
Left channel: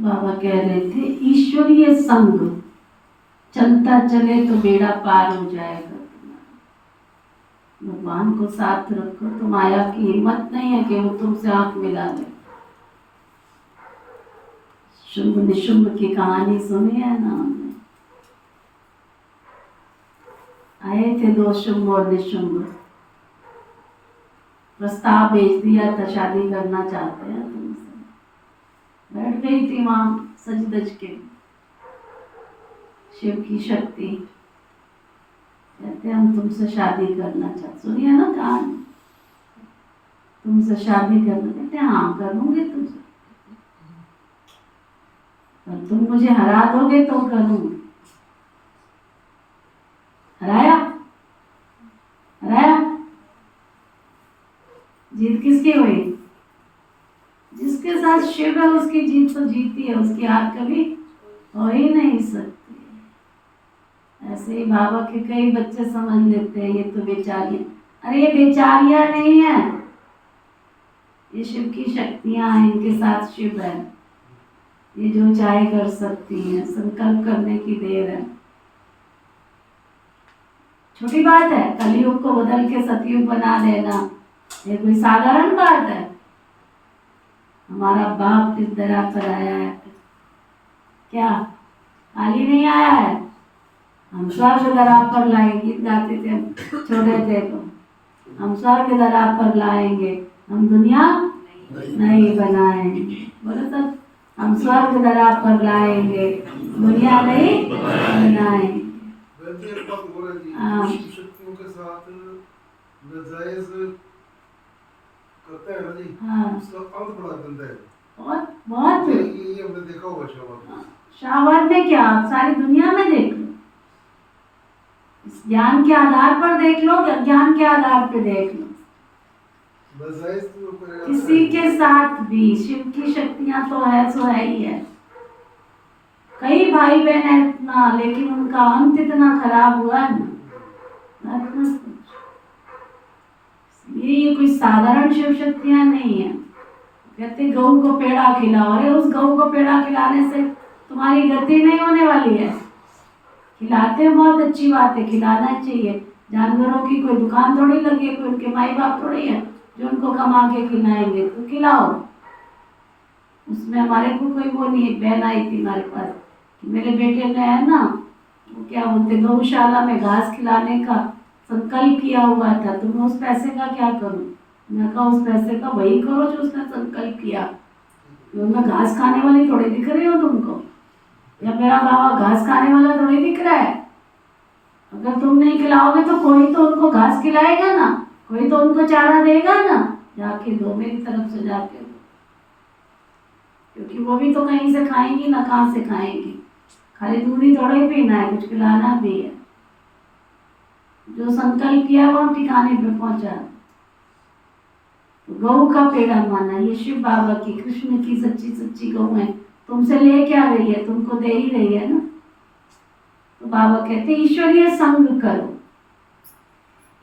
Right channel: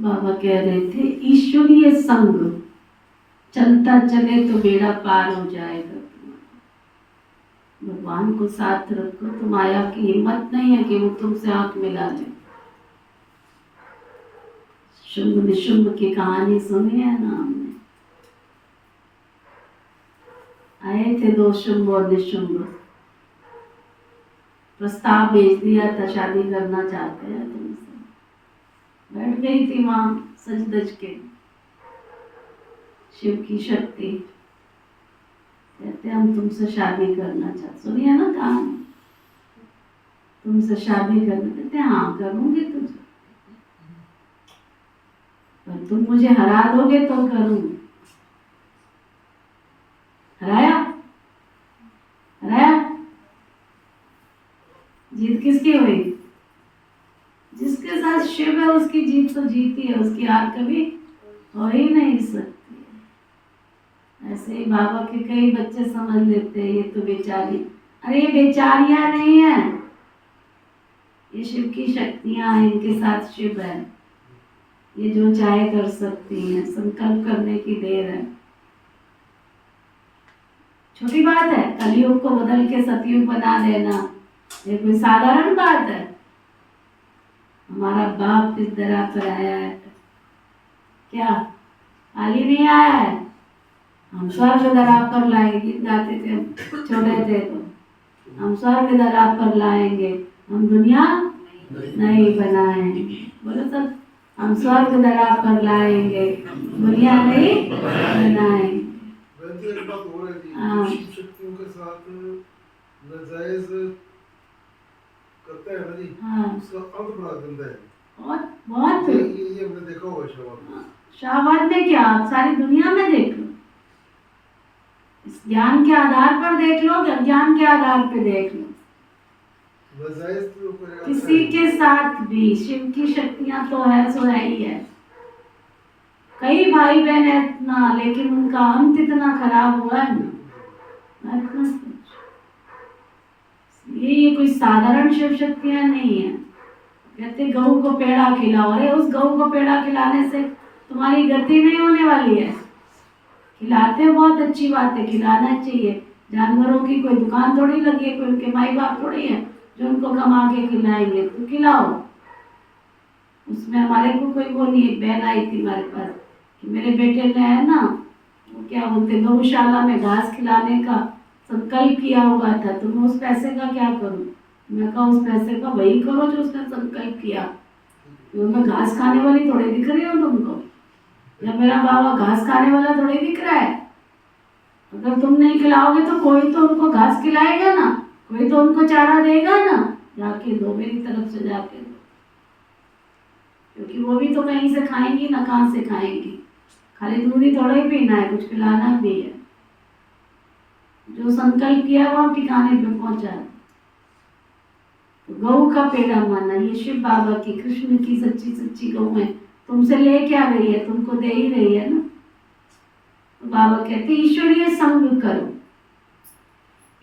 बाबा कह रहे थे ईश्वरीय संग चलता चले तो बेड़ा पार हो जाएगा तुम्हारा। भगवान को साथ रखो तो माया की हिम्मत नहीं है कि वो तुमसे आंख मिला ले। शुंभ निशुंभ की कहानी सुनी है ना हमने। आए थे दो शुंभ और निशुंभ, प्रस्ताव भेज दिया था शादी करना चाहते हैं तुमसे। बैठ गई थी वहां सज धज के। शिव की शक्ति कहते हम तुमसे शादी करना चाहते। सुनिए ना कहानी, तुमसे शादी करना। कहते हाँ करूंगी तुझे, पर तुम मुझे हरा दोगे तो करूंगी। हराया हराया, जीत किसकी हुई? जिसके साथ शिव है उसकी जीत तो जीती है, उसकी हार कभी हो ही नहीं सकती। ऐसे ही बाबा के कई बच्चे समझ लेते हैं ये तो बेचारियां। अरे ये बेचारियां नहीं है, ये शिव की शक्तियां हैं, इनके साथ शिव है। ये जो चाहे कर सकती हैं, संकल्प करने की देर है। छोटी बात है कलयुग को बदल के सतयुग बना देना, ये कोई साधारण बात है। हमारा बाप इस दरा पर आया है, क्या खाली नहीं आया है? हम स्वर्ग दरा पर लाएंगे, गीत गाते थे हम छोटे थे तो। हम स्वर्ग दरा पर लाएंगे, हम दुनिया नहीं बनाएंगे। बोलो सब, हम स्वर्ग दरा पर लाएंगे, दुनिया नहीं बनाएंगे। एक बात हो रही थी, शिव शक्तियों के साथ नाजायज करता है ना जी। हाँ, उसका अंत बड़ा गंदा है। बहुत बहुत ये हमने देखा होगा शाहबाद में। शाहबाद में क्या, आप सारी दुनिया में देख लो। इस ज्ञान के आधार पर देख लो, ज्ञान के आधार पे देख लो। नाजायज तो किसी के साथ भी शिव की शक्तियां तो है, सो है ही है। कई भाई बहन है इतना, लेकिन उनका अंत इतना खराब हुआ है ना। ये कोई साधारण शिव शक्तियां नहीं है। कहते गऊ को पेड़ा खिलाओ, अरे उस गऊ को पेड़ा खिलाने से तुम्हारी गति नहीं होने वाली है। खिलाते हैं बहुत अच्छी बात है, खिलाना चाहिए। जानवरों की कोई दुकान थोड़ी लगी है, कोई उनके माई बाप थोड़ी है जो उनको कमा के खिलाएंगे, तो खिलाओ। उसमें हमारे को कोई वो नहीं। एक बहन आई थी हमारे पास कि मेरे बेटे ने है ना, वो क्या बोलते गौशाला में घास खिलाने का संकल्प किया हुआ था, तो मैं उस पैसे का क्या करूं? मैं कहा उस पैसे का वही करो जो उसने संकल्प किया। मैं घास खाने वाली थोड़े दिख रही हूँ तुमको, या मेरा बाबा घास खाने वाला थोड़ी दिख रहा है। अगर तुम नहीं खिलाओगे तो कोई तो उनको घास खिलाएगा ना, कोई तो उनको चारा देगा ना। जाके दो मेरी तरफ से जाके, क्योंकि वो भी तो कहीं से खाएंगी ना, कहाँ से खाएंगी। खाली दूध ही थोड़ा ही पीना है, कुछ खिलाना भी है। जो संकल्प किया वो ठिकाने पे पहुंचा। तो गौ का पेड़ा माना, ये शिव बाबा की, कृष्ण की सच्ची सच्ची गौ है। तुमसे ले क्या रही है, तुमको दे ही रही है ना। तो बाबा कहते ईश्वरीय संग करो।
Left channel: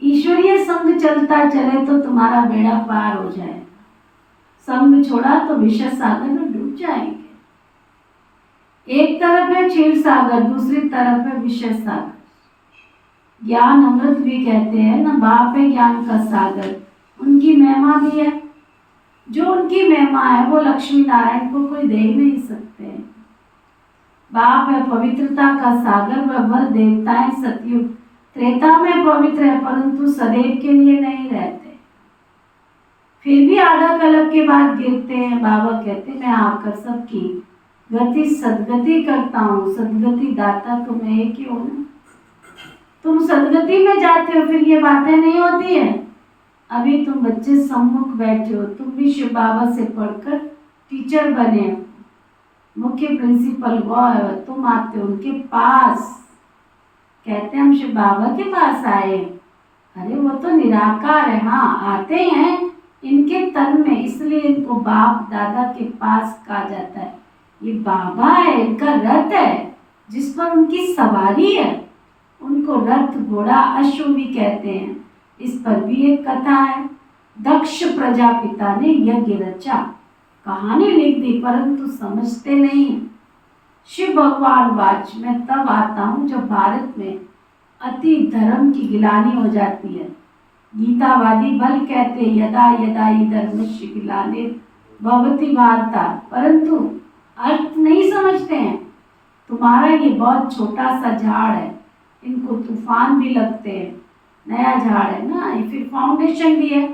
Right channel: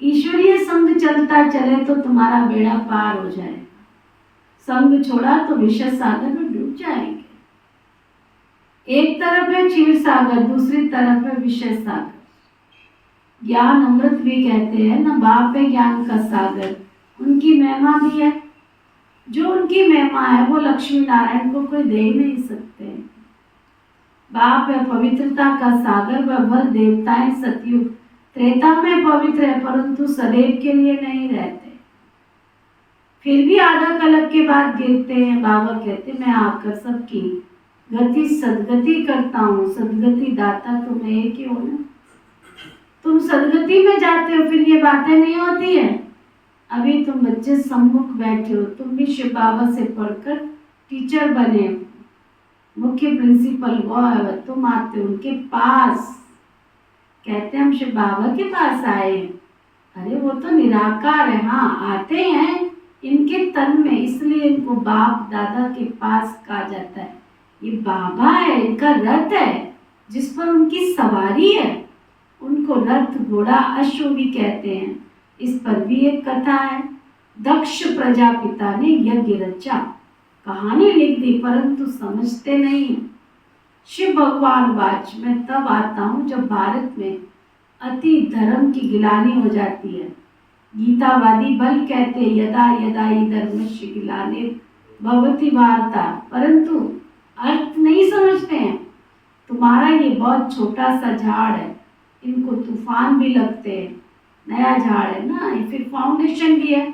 ईश्वरीय संग चलता चले तो तुम्हारा बेड़ा पार हो जाएगा। संग छोड़ा तो विषय सागर में डूब जाएंगे। एक तरफ है क्षीर सागर, दूसरी तरफ है विषय सागर। ज्ञान अमृत भी कहते हैं ना, बाप है ज्ञान का सागर। उनकी महिमा भी है, जो उनकी महिमा है वो लक्ष्मी नारायण को कोई दे ही नहीं सकते। बाप है पवित्रता का सागर, वह देवताएं सतयुग त्रेता में पवित्र है, परंतु सदैव के लिए नहीं रहते। फिर भी आधा कल्प के बाद गिरते हैं। बाबा कहते मैं आकर सबकी गति सदगति करता हूँ। सदगति दाता तुम एक ही हो ना। तुम सदगति में जाते हो, फिर ये बातें नहीं होती है। अभी तुम बच्चे सम्मुख बैठे हो, तुम भी शिव बाबा से पढ़कर टीचर बने हो। मुख्य प्रिंसिपल वो है, तुम आते हो उनके पास। कहते हम शिव बाबा के पास आए। अरे वो तो निराकार है, हाँ आते हैं इनके तन में, इसलिए इनको बाप दादा के पास कहा जाता है। ये बाबा है, इनका रथ है जिस पर उनकी सवारी है। उनको रथ घोड़ा अश्व भी कहते हैं। इस पर भी एक कथा है। दक्ष प्रजापिता ने यज्ञ रचा। कहानी लिख दी परंतु समझते नहीं। शिव भगवान वाच, मैं तब आता हूँ जब भारत में अति धर्म की गिलानी हो जाती है। गीतावादी बल कहते यदा यदा ही धर्मस्य गिलाने भवति भारता, परंतु अर्थ नहीं समझते हैं। तुम्हारा ये बहुत छोटा सा झाड़ है, इनको तूफान भी लगते हैं, नया झाड़ है ना, फिर फाउंडेशन भी है।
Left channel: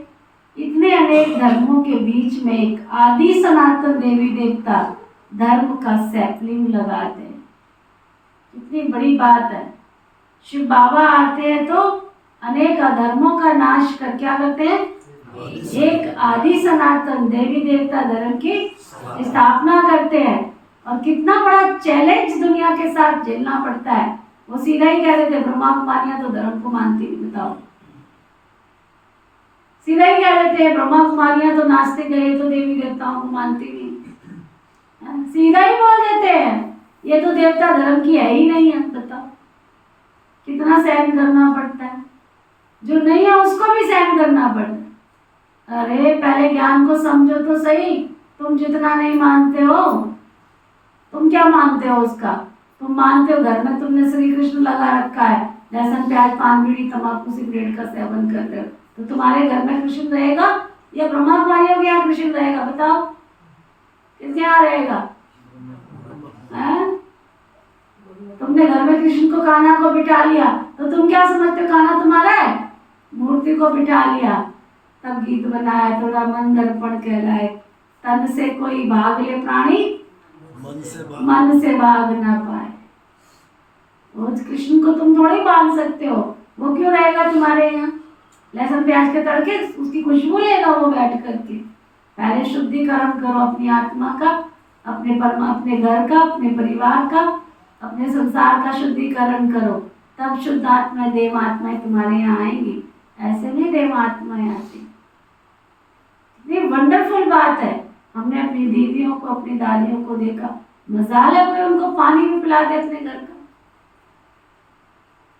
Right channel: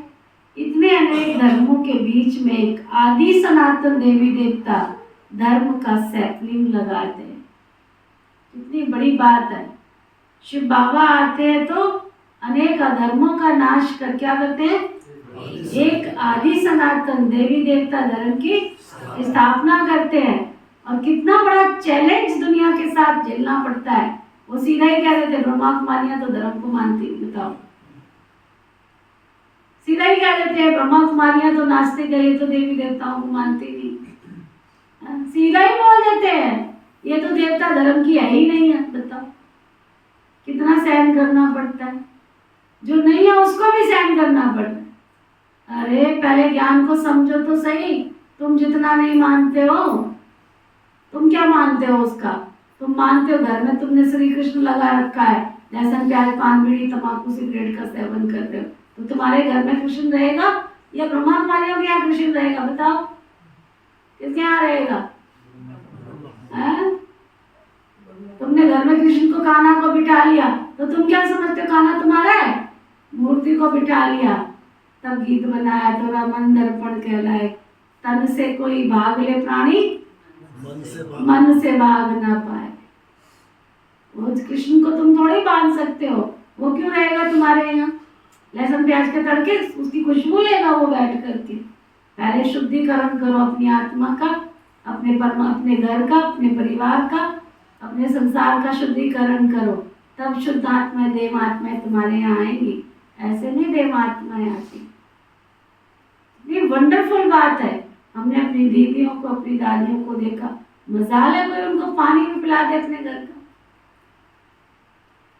इतने अनेक धर्मों के बीच में एक आदि सनातन देवी देवता धर्म का सैपलिंग लगाते हैं। कितनी बड़ी बात है। शिव बाबा आते हैं तो अनेक अधर्मों का नाश कर क्या करते हैं, एक आदि सनातन देवी देवता धर्म की स्थापना करते हैं। और कितना बड़ा चैलेंज दुनिया के साथ झेलना पड़ता है। वो सीधा ही कह रहे थे ब्रह्मा कुमारियां तो धर्म को मानती नहीं, बताओ, सीधा ही कह रहे थे ब्रह्मा कुमारियां तो नास्तिक है, ये तो देवी देवताओं को मानती नहीं, सीधा ही बोल देते हैं ये तो देवता धर्म की है ही नहीं है। बताओ कितना सहन करना पड़ता है, जो नहीं है उसको भी सहन करना पड़ता है। अरे पहले ज्ञान को समझो तो सही। तुम जितना नहीं मानते हो, तुम क्या मानते हो उसका? तुम मानते हो घर में तुमने श्री कृष्ण लगा रखा है, लहसुन प्याज पान बीड़ी तंबाकू सिगरेट का सेवन कर रहे हो, तो तुम्हारे घर में कृष्ण रहेगा या ब्रह्मा कुमारियों के यहाँ कृष्ण रहेगा? बताओ किसके यहाँ रहेगा? तुमने घर में कृष्ण को कान्हा को बिठा लिया तो तुम क्या समझते हो कान्हा तुम्हारा है? मूर्ति को बिठा लिया, तब गीत बनाया तो मन दर्पण कहलाए, तन से कोई भाग ले प्राणी मन से भाग ना पाए। उस कृष्ण को तुम थोड़ी बांध सकते हो, वो क्यों रहेगा तुम्हारे यहाँ? लहसुन प्याज के तड़के उसकी खुशबू लेगा वो बैठ करके। पहले शुद्धिकरण करो अपनी आत्मा का, अपने घर का, अपने परिवार का, अपने संसार का शुद्धिकरण करो, तब शुद्ध आत्माएं देव आत्माएं तुम्हारे यहाँ आएंगी। ऐसे नहीं देव आत्माएं आती। ये वंडरफुल बात है। हमने अपनी दीदियों को, अपनी दादियों को देखा, मजाल है कोई उनको पानी भी पिला दे अपने घर का,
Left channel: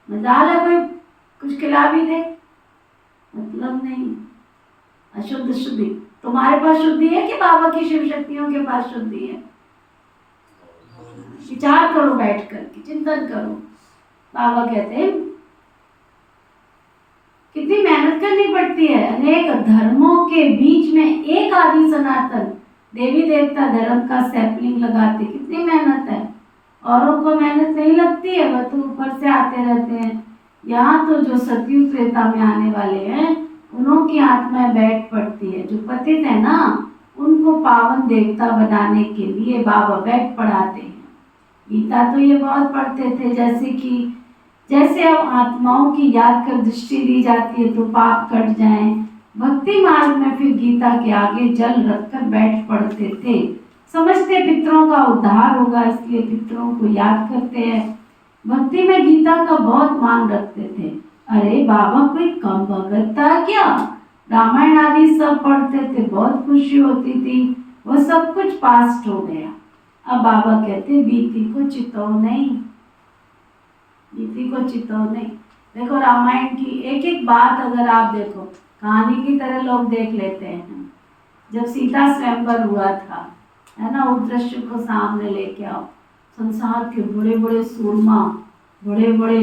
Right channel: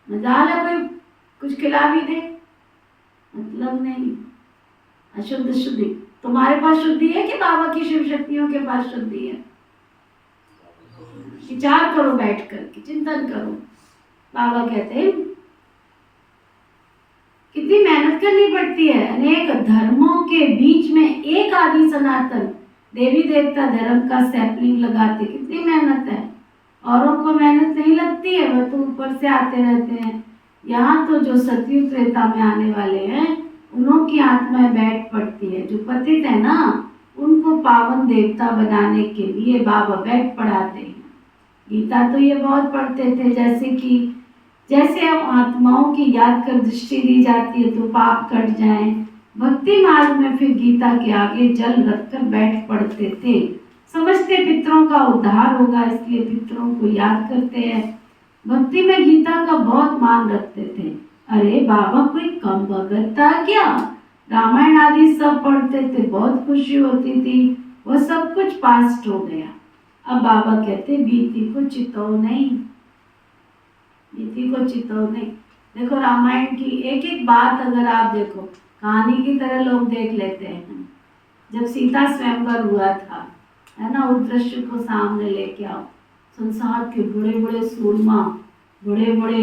मजाल है कोई कुछ खिला भी दे, मतलब नहीं। अशुद्ध शुद्धि तुम्हारे पास शुद्धि है कि बाबा की शिव शक्तियों के पास शुद्धि है? विचार करो, बैठ करके चिंतन करो। बाबा कहते हैं कितनी मेहनत करनी पड़ती है। अनेक धर्मों के बीच में एक आदि सनातन देवी देवता धर्म का सैपलिंग लगाते, कितनी मेहनत है। औरों को मेहनत नहीं लगती है, वह तो ऊपर से आते रहते हैं। यहाँ तो जो सतयुग त्रेता में आने वाले हैं उन्हों की आत्माएं बैठ पड़ती है। जो पतित है ना, उनको पावन देवता बनाने के लिए बाबा बैठ पढ़ाते हैं। गीता तो ये बहुत पढ़ते थे, जैसे अब आत्माओं की याद कर दृष्टि दी जाती है तो पाप कट जाएं। भक्ति मार्ग में फिर गीता के आगे जल रखकर बैठ पढ़ते थे। समझते पितरों का उद्धार होगा, इसलिए पितरों को याद करते हैं। भक्ति में गीता का बहुत मान रखते थे। अरे बाबा कोई कम भगत था क्या? रामायण आदि सब पढ़ते थे, बहुत खुशी होती थी। वह सब कुछ पास्ट हो गया। अब बाबा कहते बीती को चितो नहीं, बीती को चितो नहीं। देखो रामायण की एक एक बात अगर आप देखो, कहानी की तरह लोग देख लेते हैं। जब सीता स्वयंवर हुआ था, है ना, उस दृश्य को सामने लेके आओ। संसार के बड़े बड़े सूरमा, बड़े बड़े,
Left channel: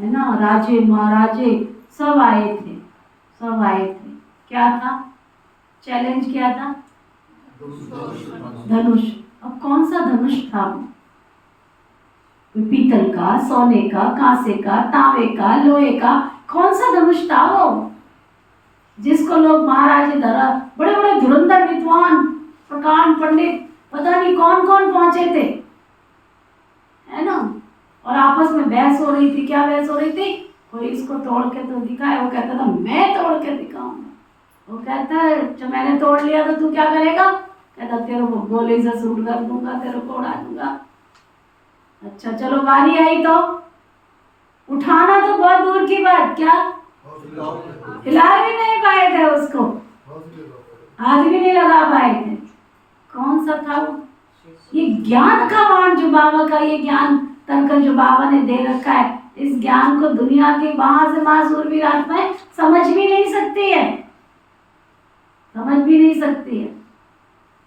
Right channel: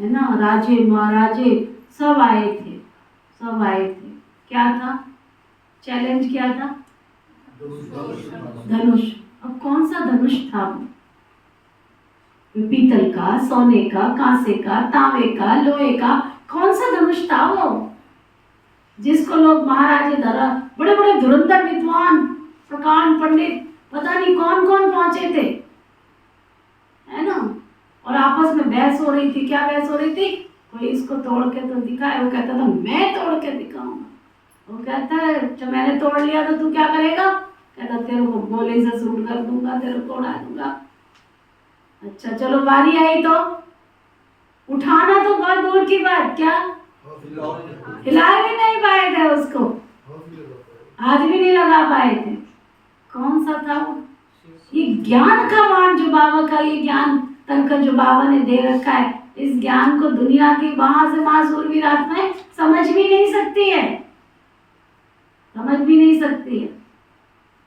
है ना, राजे महाराजे सब आए थे, सब आए थे। क्या था चैलेंज? क्या था? धनुष। अब कौन सा धनुष था वो? पीतल का, सोने का, कांसे का, तांबे का, लोहे का, कौन सा धनुष था वो जिसको लोग महाराजे धरा, बड़े बड़े धुरंधर विद्वान, प्रकांड पंडित, पता नहीं कौन कौन पहुंचे थे, है ना। और आपस में बहस हो रही थी। क्या बहस हो रही थी? कोई इसको तोड़ के तो दिखाए। वो कहता था मैं तोड़ के दिखाऊंगा। वो कहता है जब मैंने तोड़ लिया तो तू क्या करेगा? कहता तेरे को गोली से शूट कर दूंगा, तेरे को उड़ा दूंगा। अच्छा चलो बारी आई तो उठाना तो बहुत दूर की बात, क्या हिला भी नहीं पाए थे उसको, हाथ भी नहीं लगा पाए थे। कौन सा था वो? ये ज्ञान का वाण जो बाबा का, ये ज्ञान तंत्र जो बाबा ने दे रखा है, इस ज्ञान को दुनिया की वहां से महासूरवीर आत्माएं समझ भी नहीं सकती है, समझ भी नहीं सकती है।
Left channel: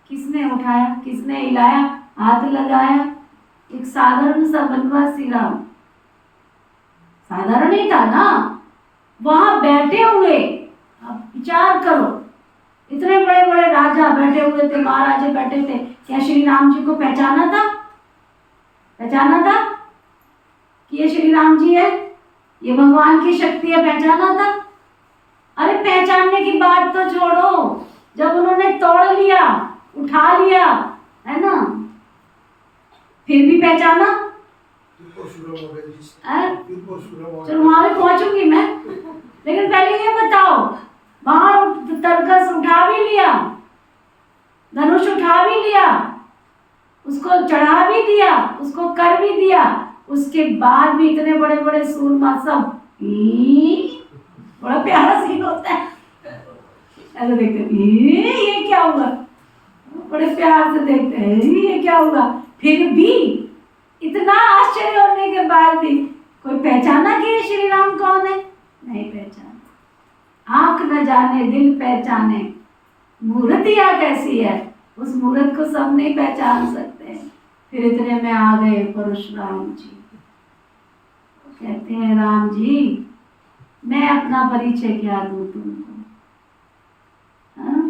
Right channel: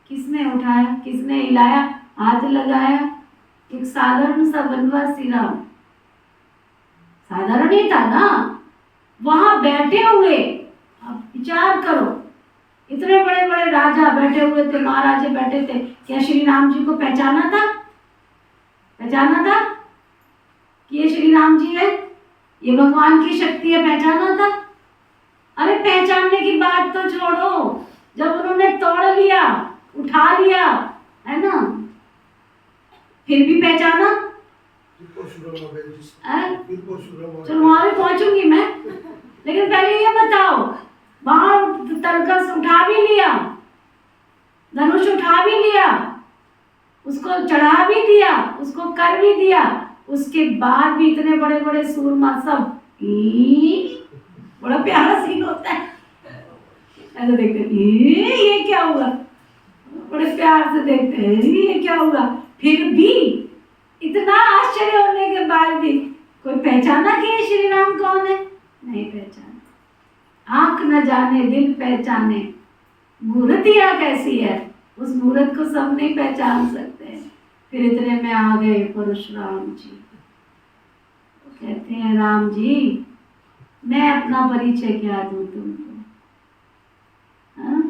किसने उठाया, किसने हिलाया, हाथ लगाया? एक साधारण सा वनवासी राम, साधारण ही था ना, वहां बैठे हुए, आप विचार करो, इतने बड़े बड़े राजा बैठे हुए थे, महाराजे बैठे थे, क्या श्री राम जी को पहचाना था? पहचाना था कि ये श्री राम जी है, ये भगवान की शक्ति है, पहचाना था? अरे पहचानने की बात तो छोड़ो, जब उन्होंने तोड़ लिया, उठा लिया, है ना, फिर भी पहचाना? चलो वहां भी पहुंचूंगी मैं, लेकिन पहले ये बताओ, वहां तरकस उठा भी लिया, धनुष उठा भी लिया, उसको चढ़ा भी दिया, उसको कर भी दिया, उसके बाद भी इतने बड़े बड़े सूरमा सब, बड़ा प्यारा सीन होता है, ऐसे देखते हैं ये क्या हुआ, बड़े प्यार से देखते हैं ये क्या हुआ, फिर भी इतना आश्चर्य होने के बाद भी कोई पहचाना कि ये श्री राम कौन है? नहीं पहचाना। आंख न जाने दिल पहचाने, मूर्तियां कैसी है, उस मूर्त को सब नहीं पहचान सकते हैं। फिर इतने में आ गए परशुराम जी, कहते हैं राम जी मैं अपना परिचय क्या दूं तुमको, हाँ?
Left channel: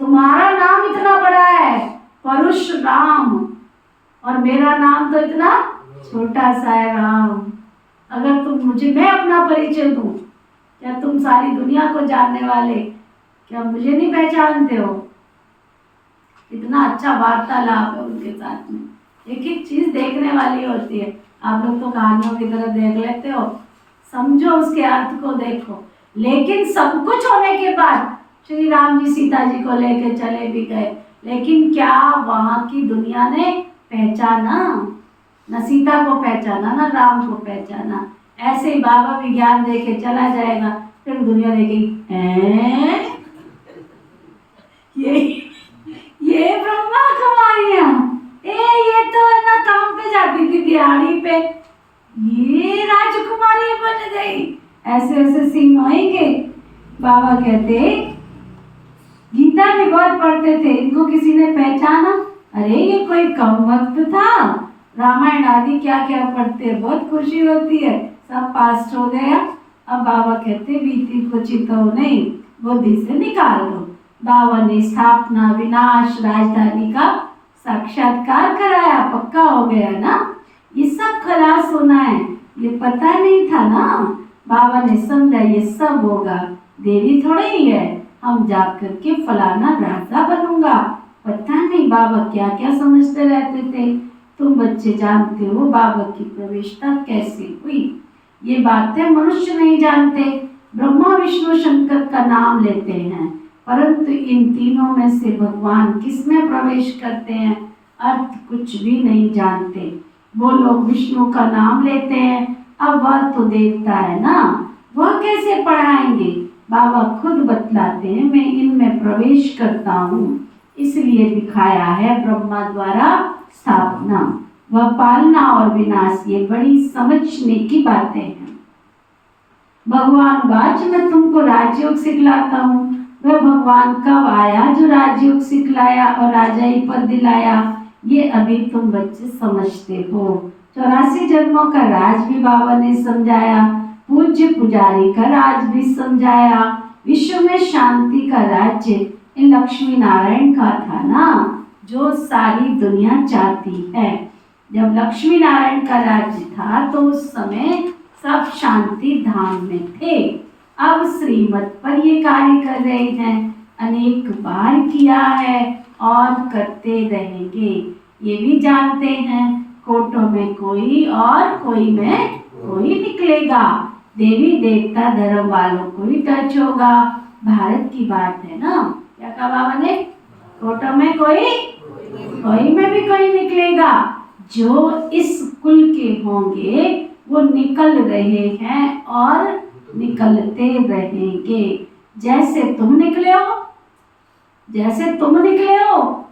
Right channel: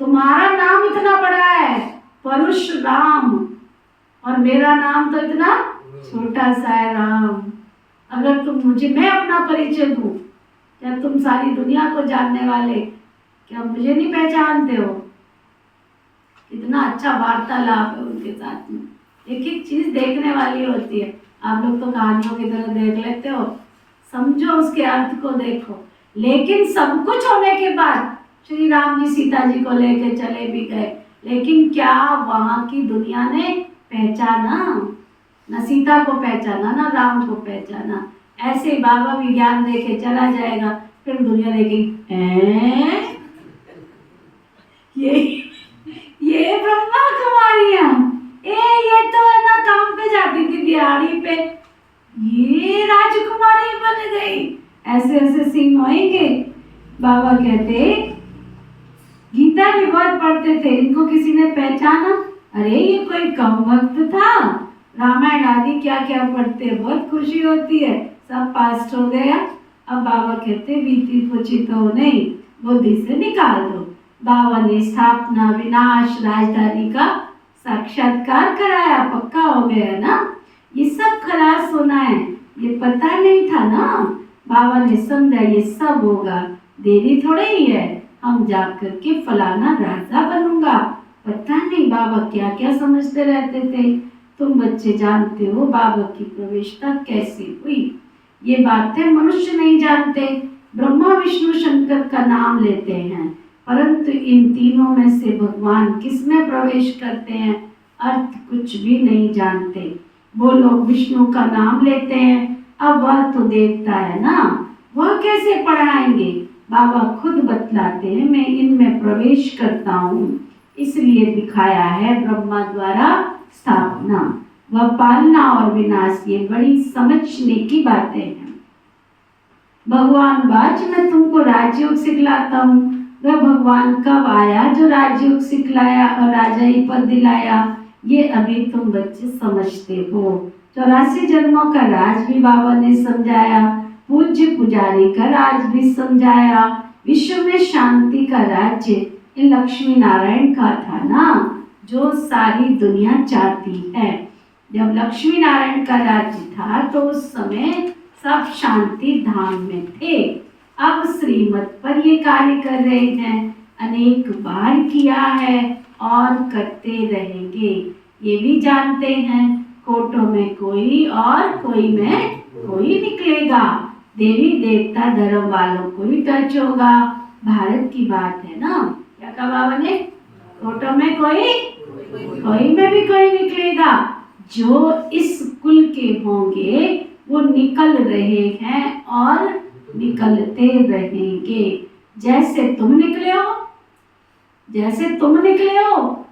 तुम्हारा नाम इतना बड़ा है परशुराम, और मेरा नाम तो इतना छोटा सा है राम। अगर तुम मुझे, मैं अपना परिचय दूं, क्या तुम सारी दुनिया को जानने वाले क्या मुझे नहीं पहचानते हो? इतना अच्छा वार्तालाप है उनके साथ में। एक एक चीज देखने वाली होती है। आप लोग तो कहानियों की तरह देख लेते हो, समझो उसके अर्थ को देखो। लेकिन सब कुछ होने के बाद श्री राम जी सीता जी को लेके चले भी गए, लेकिन क्या वहां की दुनिया ने पहचाना? न सीता को पहचाना, न राम को पहचाना। ऐसे ही बाबा भी ज्ञान देके चला जाएगा, फिर दुनिया देखेगी ये ब्रह्मा कुमारियां, ये तो है ना काम पे जाती थी दिहाड़ी पे, ये राजकुमारी बन गई। ऐसे ऐसे सीन होंगे। बाबा कहते गीता भी बहुत पढ़ते थे, इनको किसी ने पहचाना? अरे ये कोई कम वक्त था, रामायण आदि क्या क्या पढ़ते हैं, बहुत खुशी होती है, सब पास्ट हो गया। अब बाबा कहते बीती को चितो नहीं, बुद्धि से निकाल दो। बाबा ने स्थापना विनाश राजधानी का साक्षात्कार कराया, पक्का हो गया ना। ये सब खलास होना है, ये पता नहीं था ना। बाबा ने समझा ये सब होगा, देरी थोड़ी ही है, हम जा करके फलाना राजा बनूंगा। पता नहीं बाबा क्या क्या समझते रहते थे। तुम बच्चे जानते हो बाबा की प्रवेशता कैसे हुई, ये बातें मनुष्य नहीं जानते। ब्रह्मा विष्णु शंकर का नाम लेते हैं, परंतु इन तीनों में से भगवान किस में प्रवेश करते हैं अर्थ कुछ भी नहीं जानते। वो लोग विष्णु का नाम लेते हैं, अब वह तो देवता है ना, वह कैसे पढ़ाएंगे? बाबा खुद बतलाते हैं मैं इनमें प्रवेश करता हूँ, इसलिए दिखाया है ब्रह्मा द्वारा स्थापना व पालना और विनाश, ये बड़ी समझने की बातें हैं। भगवान वाच मैं तुमको राजयोग सिखलाता हूँ। वह भगवान कब आया जो राजयोग सिखलाया और राजाई पद दिलाया, ये अभी तुम बच्चे समझते हो। 84 जन्मों का राज भी बाबा ने समझाया, पूज्य पुजारी का राज भी समझाया। विश्व में शांति का राज्य इन लक्ष्मी नारायण का था ना, जो सारी दुनिया चाहती है। जब लक्ष्मी नारायण का राज्य था तो उस समय सब शांति धाम में थे। अब श्रीमत पर ये कार्य कर रहे हैं, अनेक बार किया है और करते रहेंगे। ये भी जानते हैं कोटों में कोई और कोई में कोई निकलेगा। देवी देवता धर्म वालों को ही टच होगा। भारत की बात है ना, क्या कहा बाबा ने? कोटों में कोई में भी कोई निकलेगा। जो इस कुल के होंगे वो निकल रहे हैं और निकलते रहेंगे। जैसे तुम निकले हो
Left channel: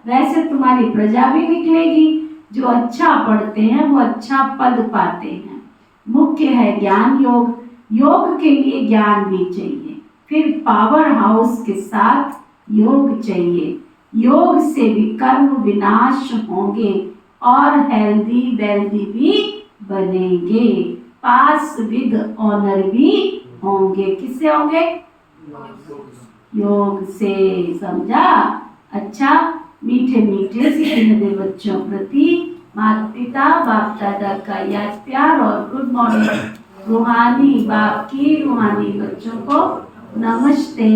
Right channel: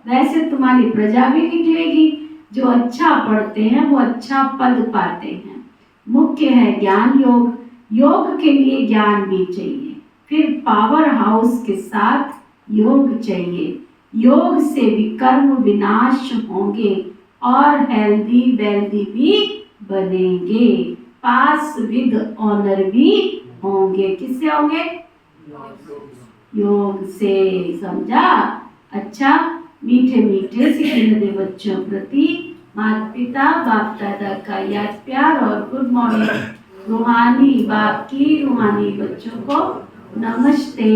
वैसे तुम्हारी प्रजा भी निकलेगी। जो अच्छा पढ़ते हैं वो अच्छा पद पाते हैं। मुख्य है ज्ञान योग, योग के लिए ज्ञान भी चाहिए, फिर पावर हाउस के साथ योग चाहिए। योग से विकर्म विनाश होंगे और हेल्दी वेल्दी भी बनेंगे, पास विद ऑनर भी होंगे। किससे होंगे? योग से। समझा? अच्छा, मीठे मीठे सीखे नदे बच्चों प्रति माता पिता बाप दादा का याद प्यार और गुड मॉर्निंग। रूहानी बाप की रूहानी बच्चों को नमस्ते।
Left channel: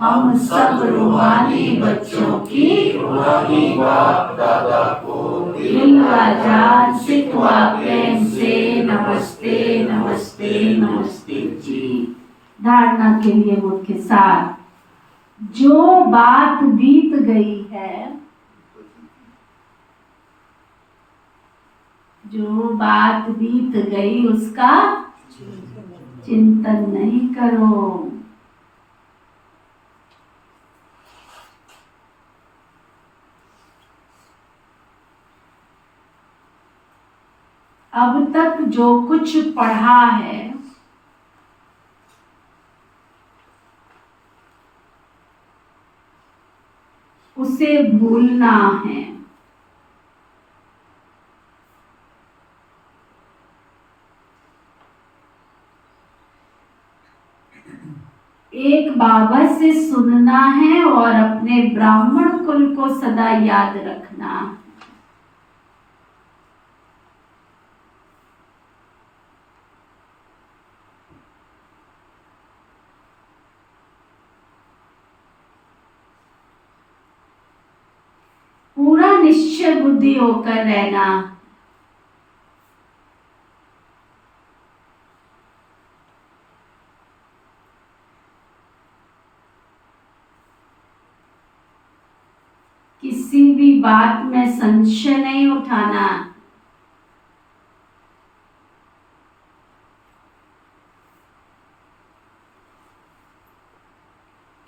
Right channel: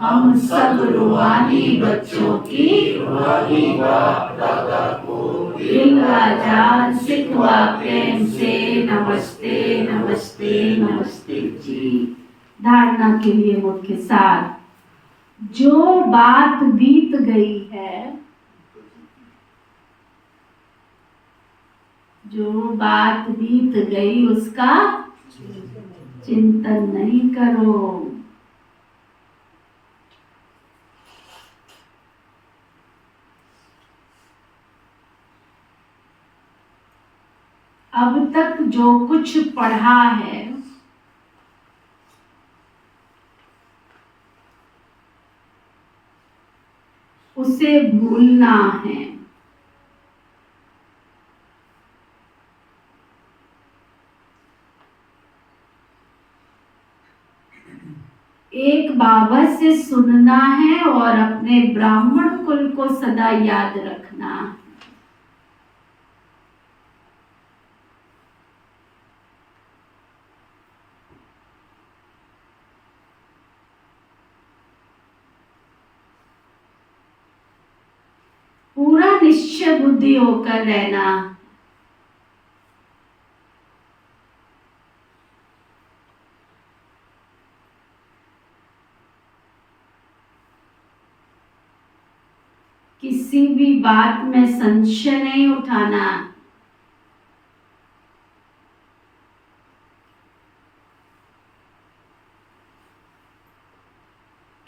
हम सब रूहानी बच्चों की रूहानी बाप दादा को दिल व जान सिख व प्रेम से नमस्ते नमस्ते नमस्ते जी। धारणा के लिए मुख्य सार, जो बात बीत गई है, जो बात बीत गई उसका चिंतन नहीं करो। अब तक जो कुछ पढ़ा है उसे भूलना है। एक बाबा से सुनना है और अपने ब्राह्मण कुल को सदा याद रखना है। पूरा निश्चय बुद्धि होकर रहना। किसी भी बात में संशय नहीं उठाना।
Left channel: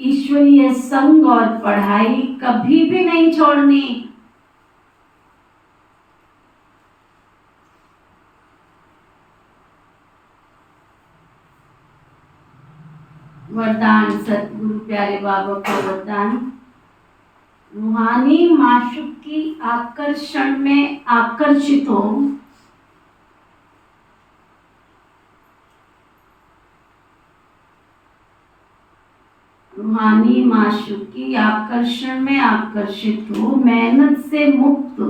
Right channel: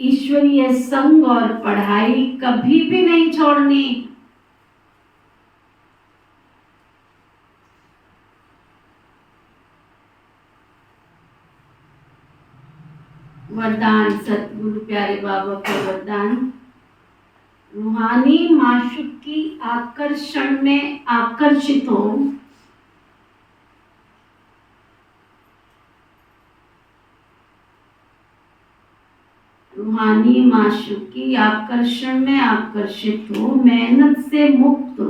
ईश्वरीय संग और पढ़ाई कभी भी नहीं छोड़नी। वरदान सतगुरु प्यारे बाबा का वरदान, रूहानी माशूक की आकर्षण में आकर्षित हो। रूहानी माशूक की आकर्षण में आकर्षित हो, मेहनत से मुक्त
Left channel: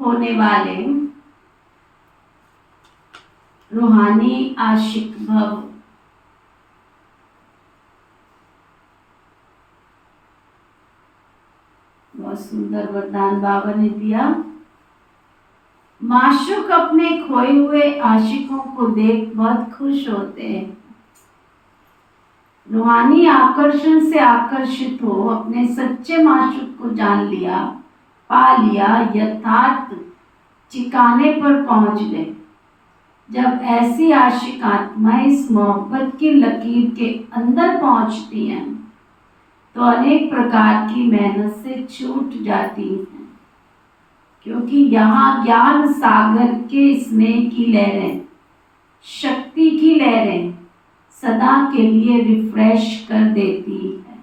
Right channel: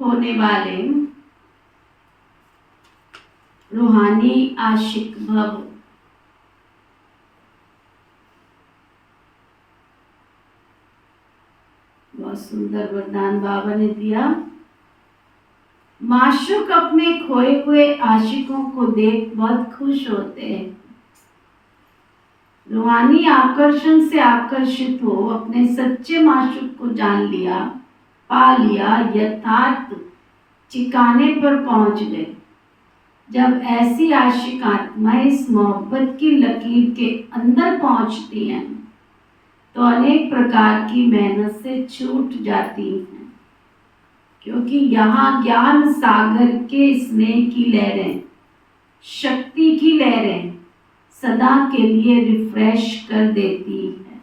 होने वाले रूहानी आशिक भव। बहुत सुंदर वरदान बाबा ने दिया। माशूक अपने खोए हुए आशिकों को देख बहुत खुश होते हैं। रूहानी आकर्षण से आकर्षित हो, अपने सच्चे माशूक को जान लिया, पा लिया, यथार्थ ठिकाने पर पहुंच गए। जब ऐसी आशिक आत्माएं इस मोहब्बत की लकीर के अंदर पहुंचती हैं तो अनेक प्रकार की मेहनत से छूट जाती हैं, क्योंकि यहाँ ज्ञान सागर के स्नेह की लहरें, शक्ति की लहरें सदा के लिए रिफ्रेश कर देती है।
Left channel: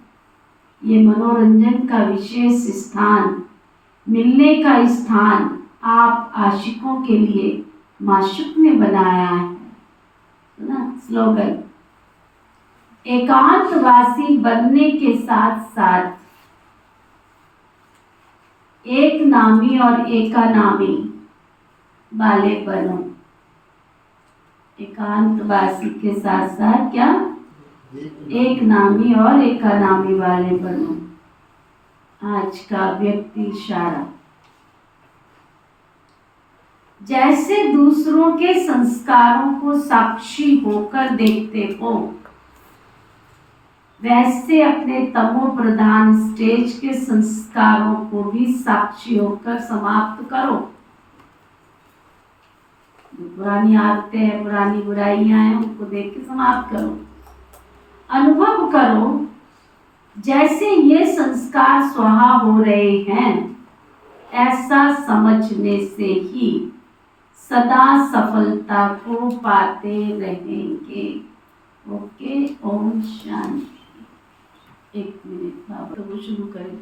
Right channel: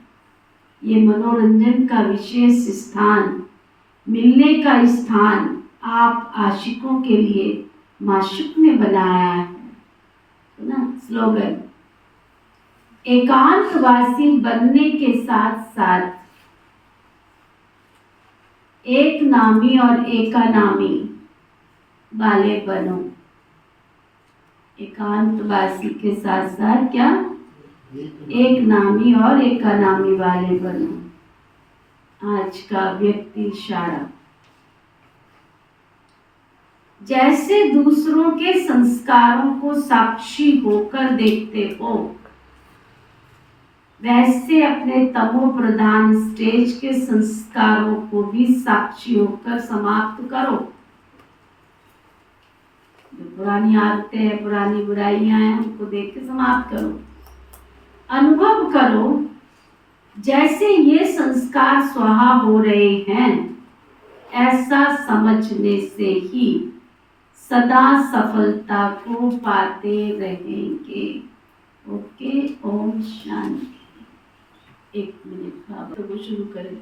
ये मनोरंजन का विशेष स्थान, मिलने का स्थान आप आशिकों के लिए माशूक ने बनाया है ना। स्लोगन, एकांतवासी बनने के साथ साथ एक नामी और एकानामी वाले बनो। एकांतवासी के साथ साथ क्या? एक नामी और एकानामी वाले बनो। आज का व्यक्ति इशारा, जैसे दूसरों के संस्कारों को साक्षी होकर देखते हो, वैसे अपने तमो प्रधान स्टेज के संस्कारों को भी साक्षी होकर समाप्त करो। जो पुरानी आदतें हैं, पुरानी बुराइयां हैं, उनको देख के समाप्त करो। अनुभव करो जैसे ये संस्कार स्वाहा हो रहे हैं। ऐसा समझने से ही सदा सफलता को पाते रहेंगे। ओके, ओम शांति। एक मिनट बाबा, तो वो शुरू करें।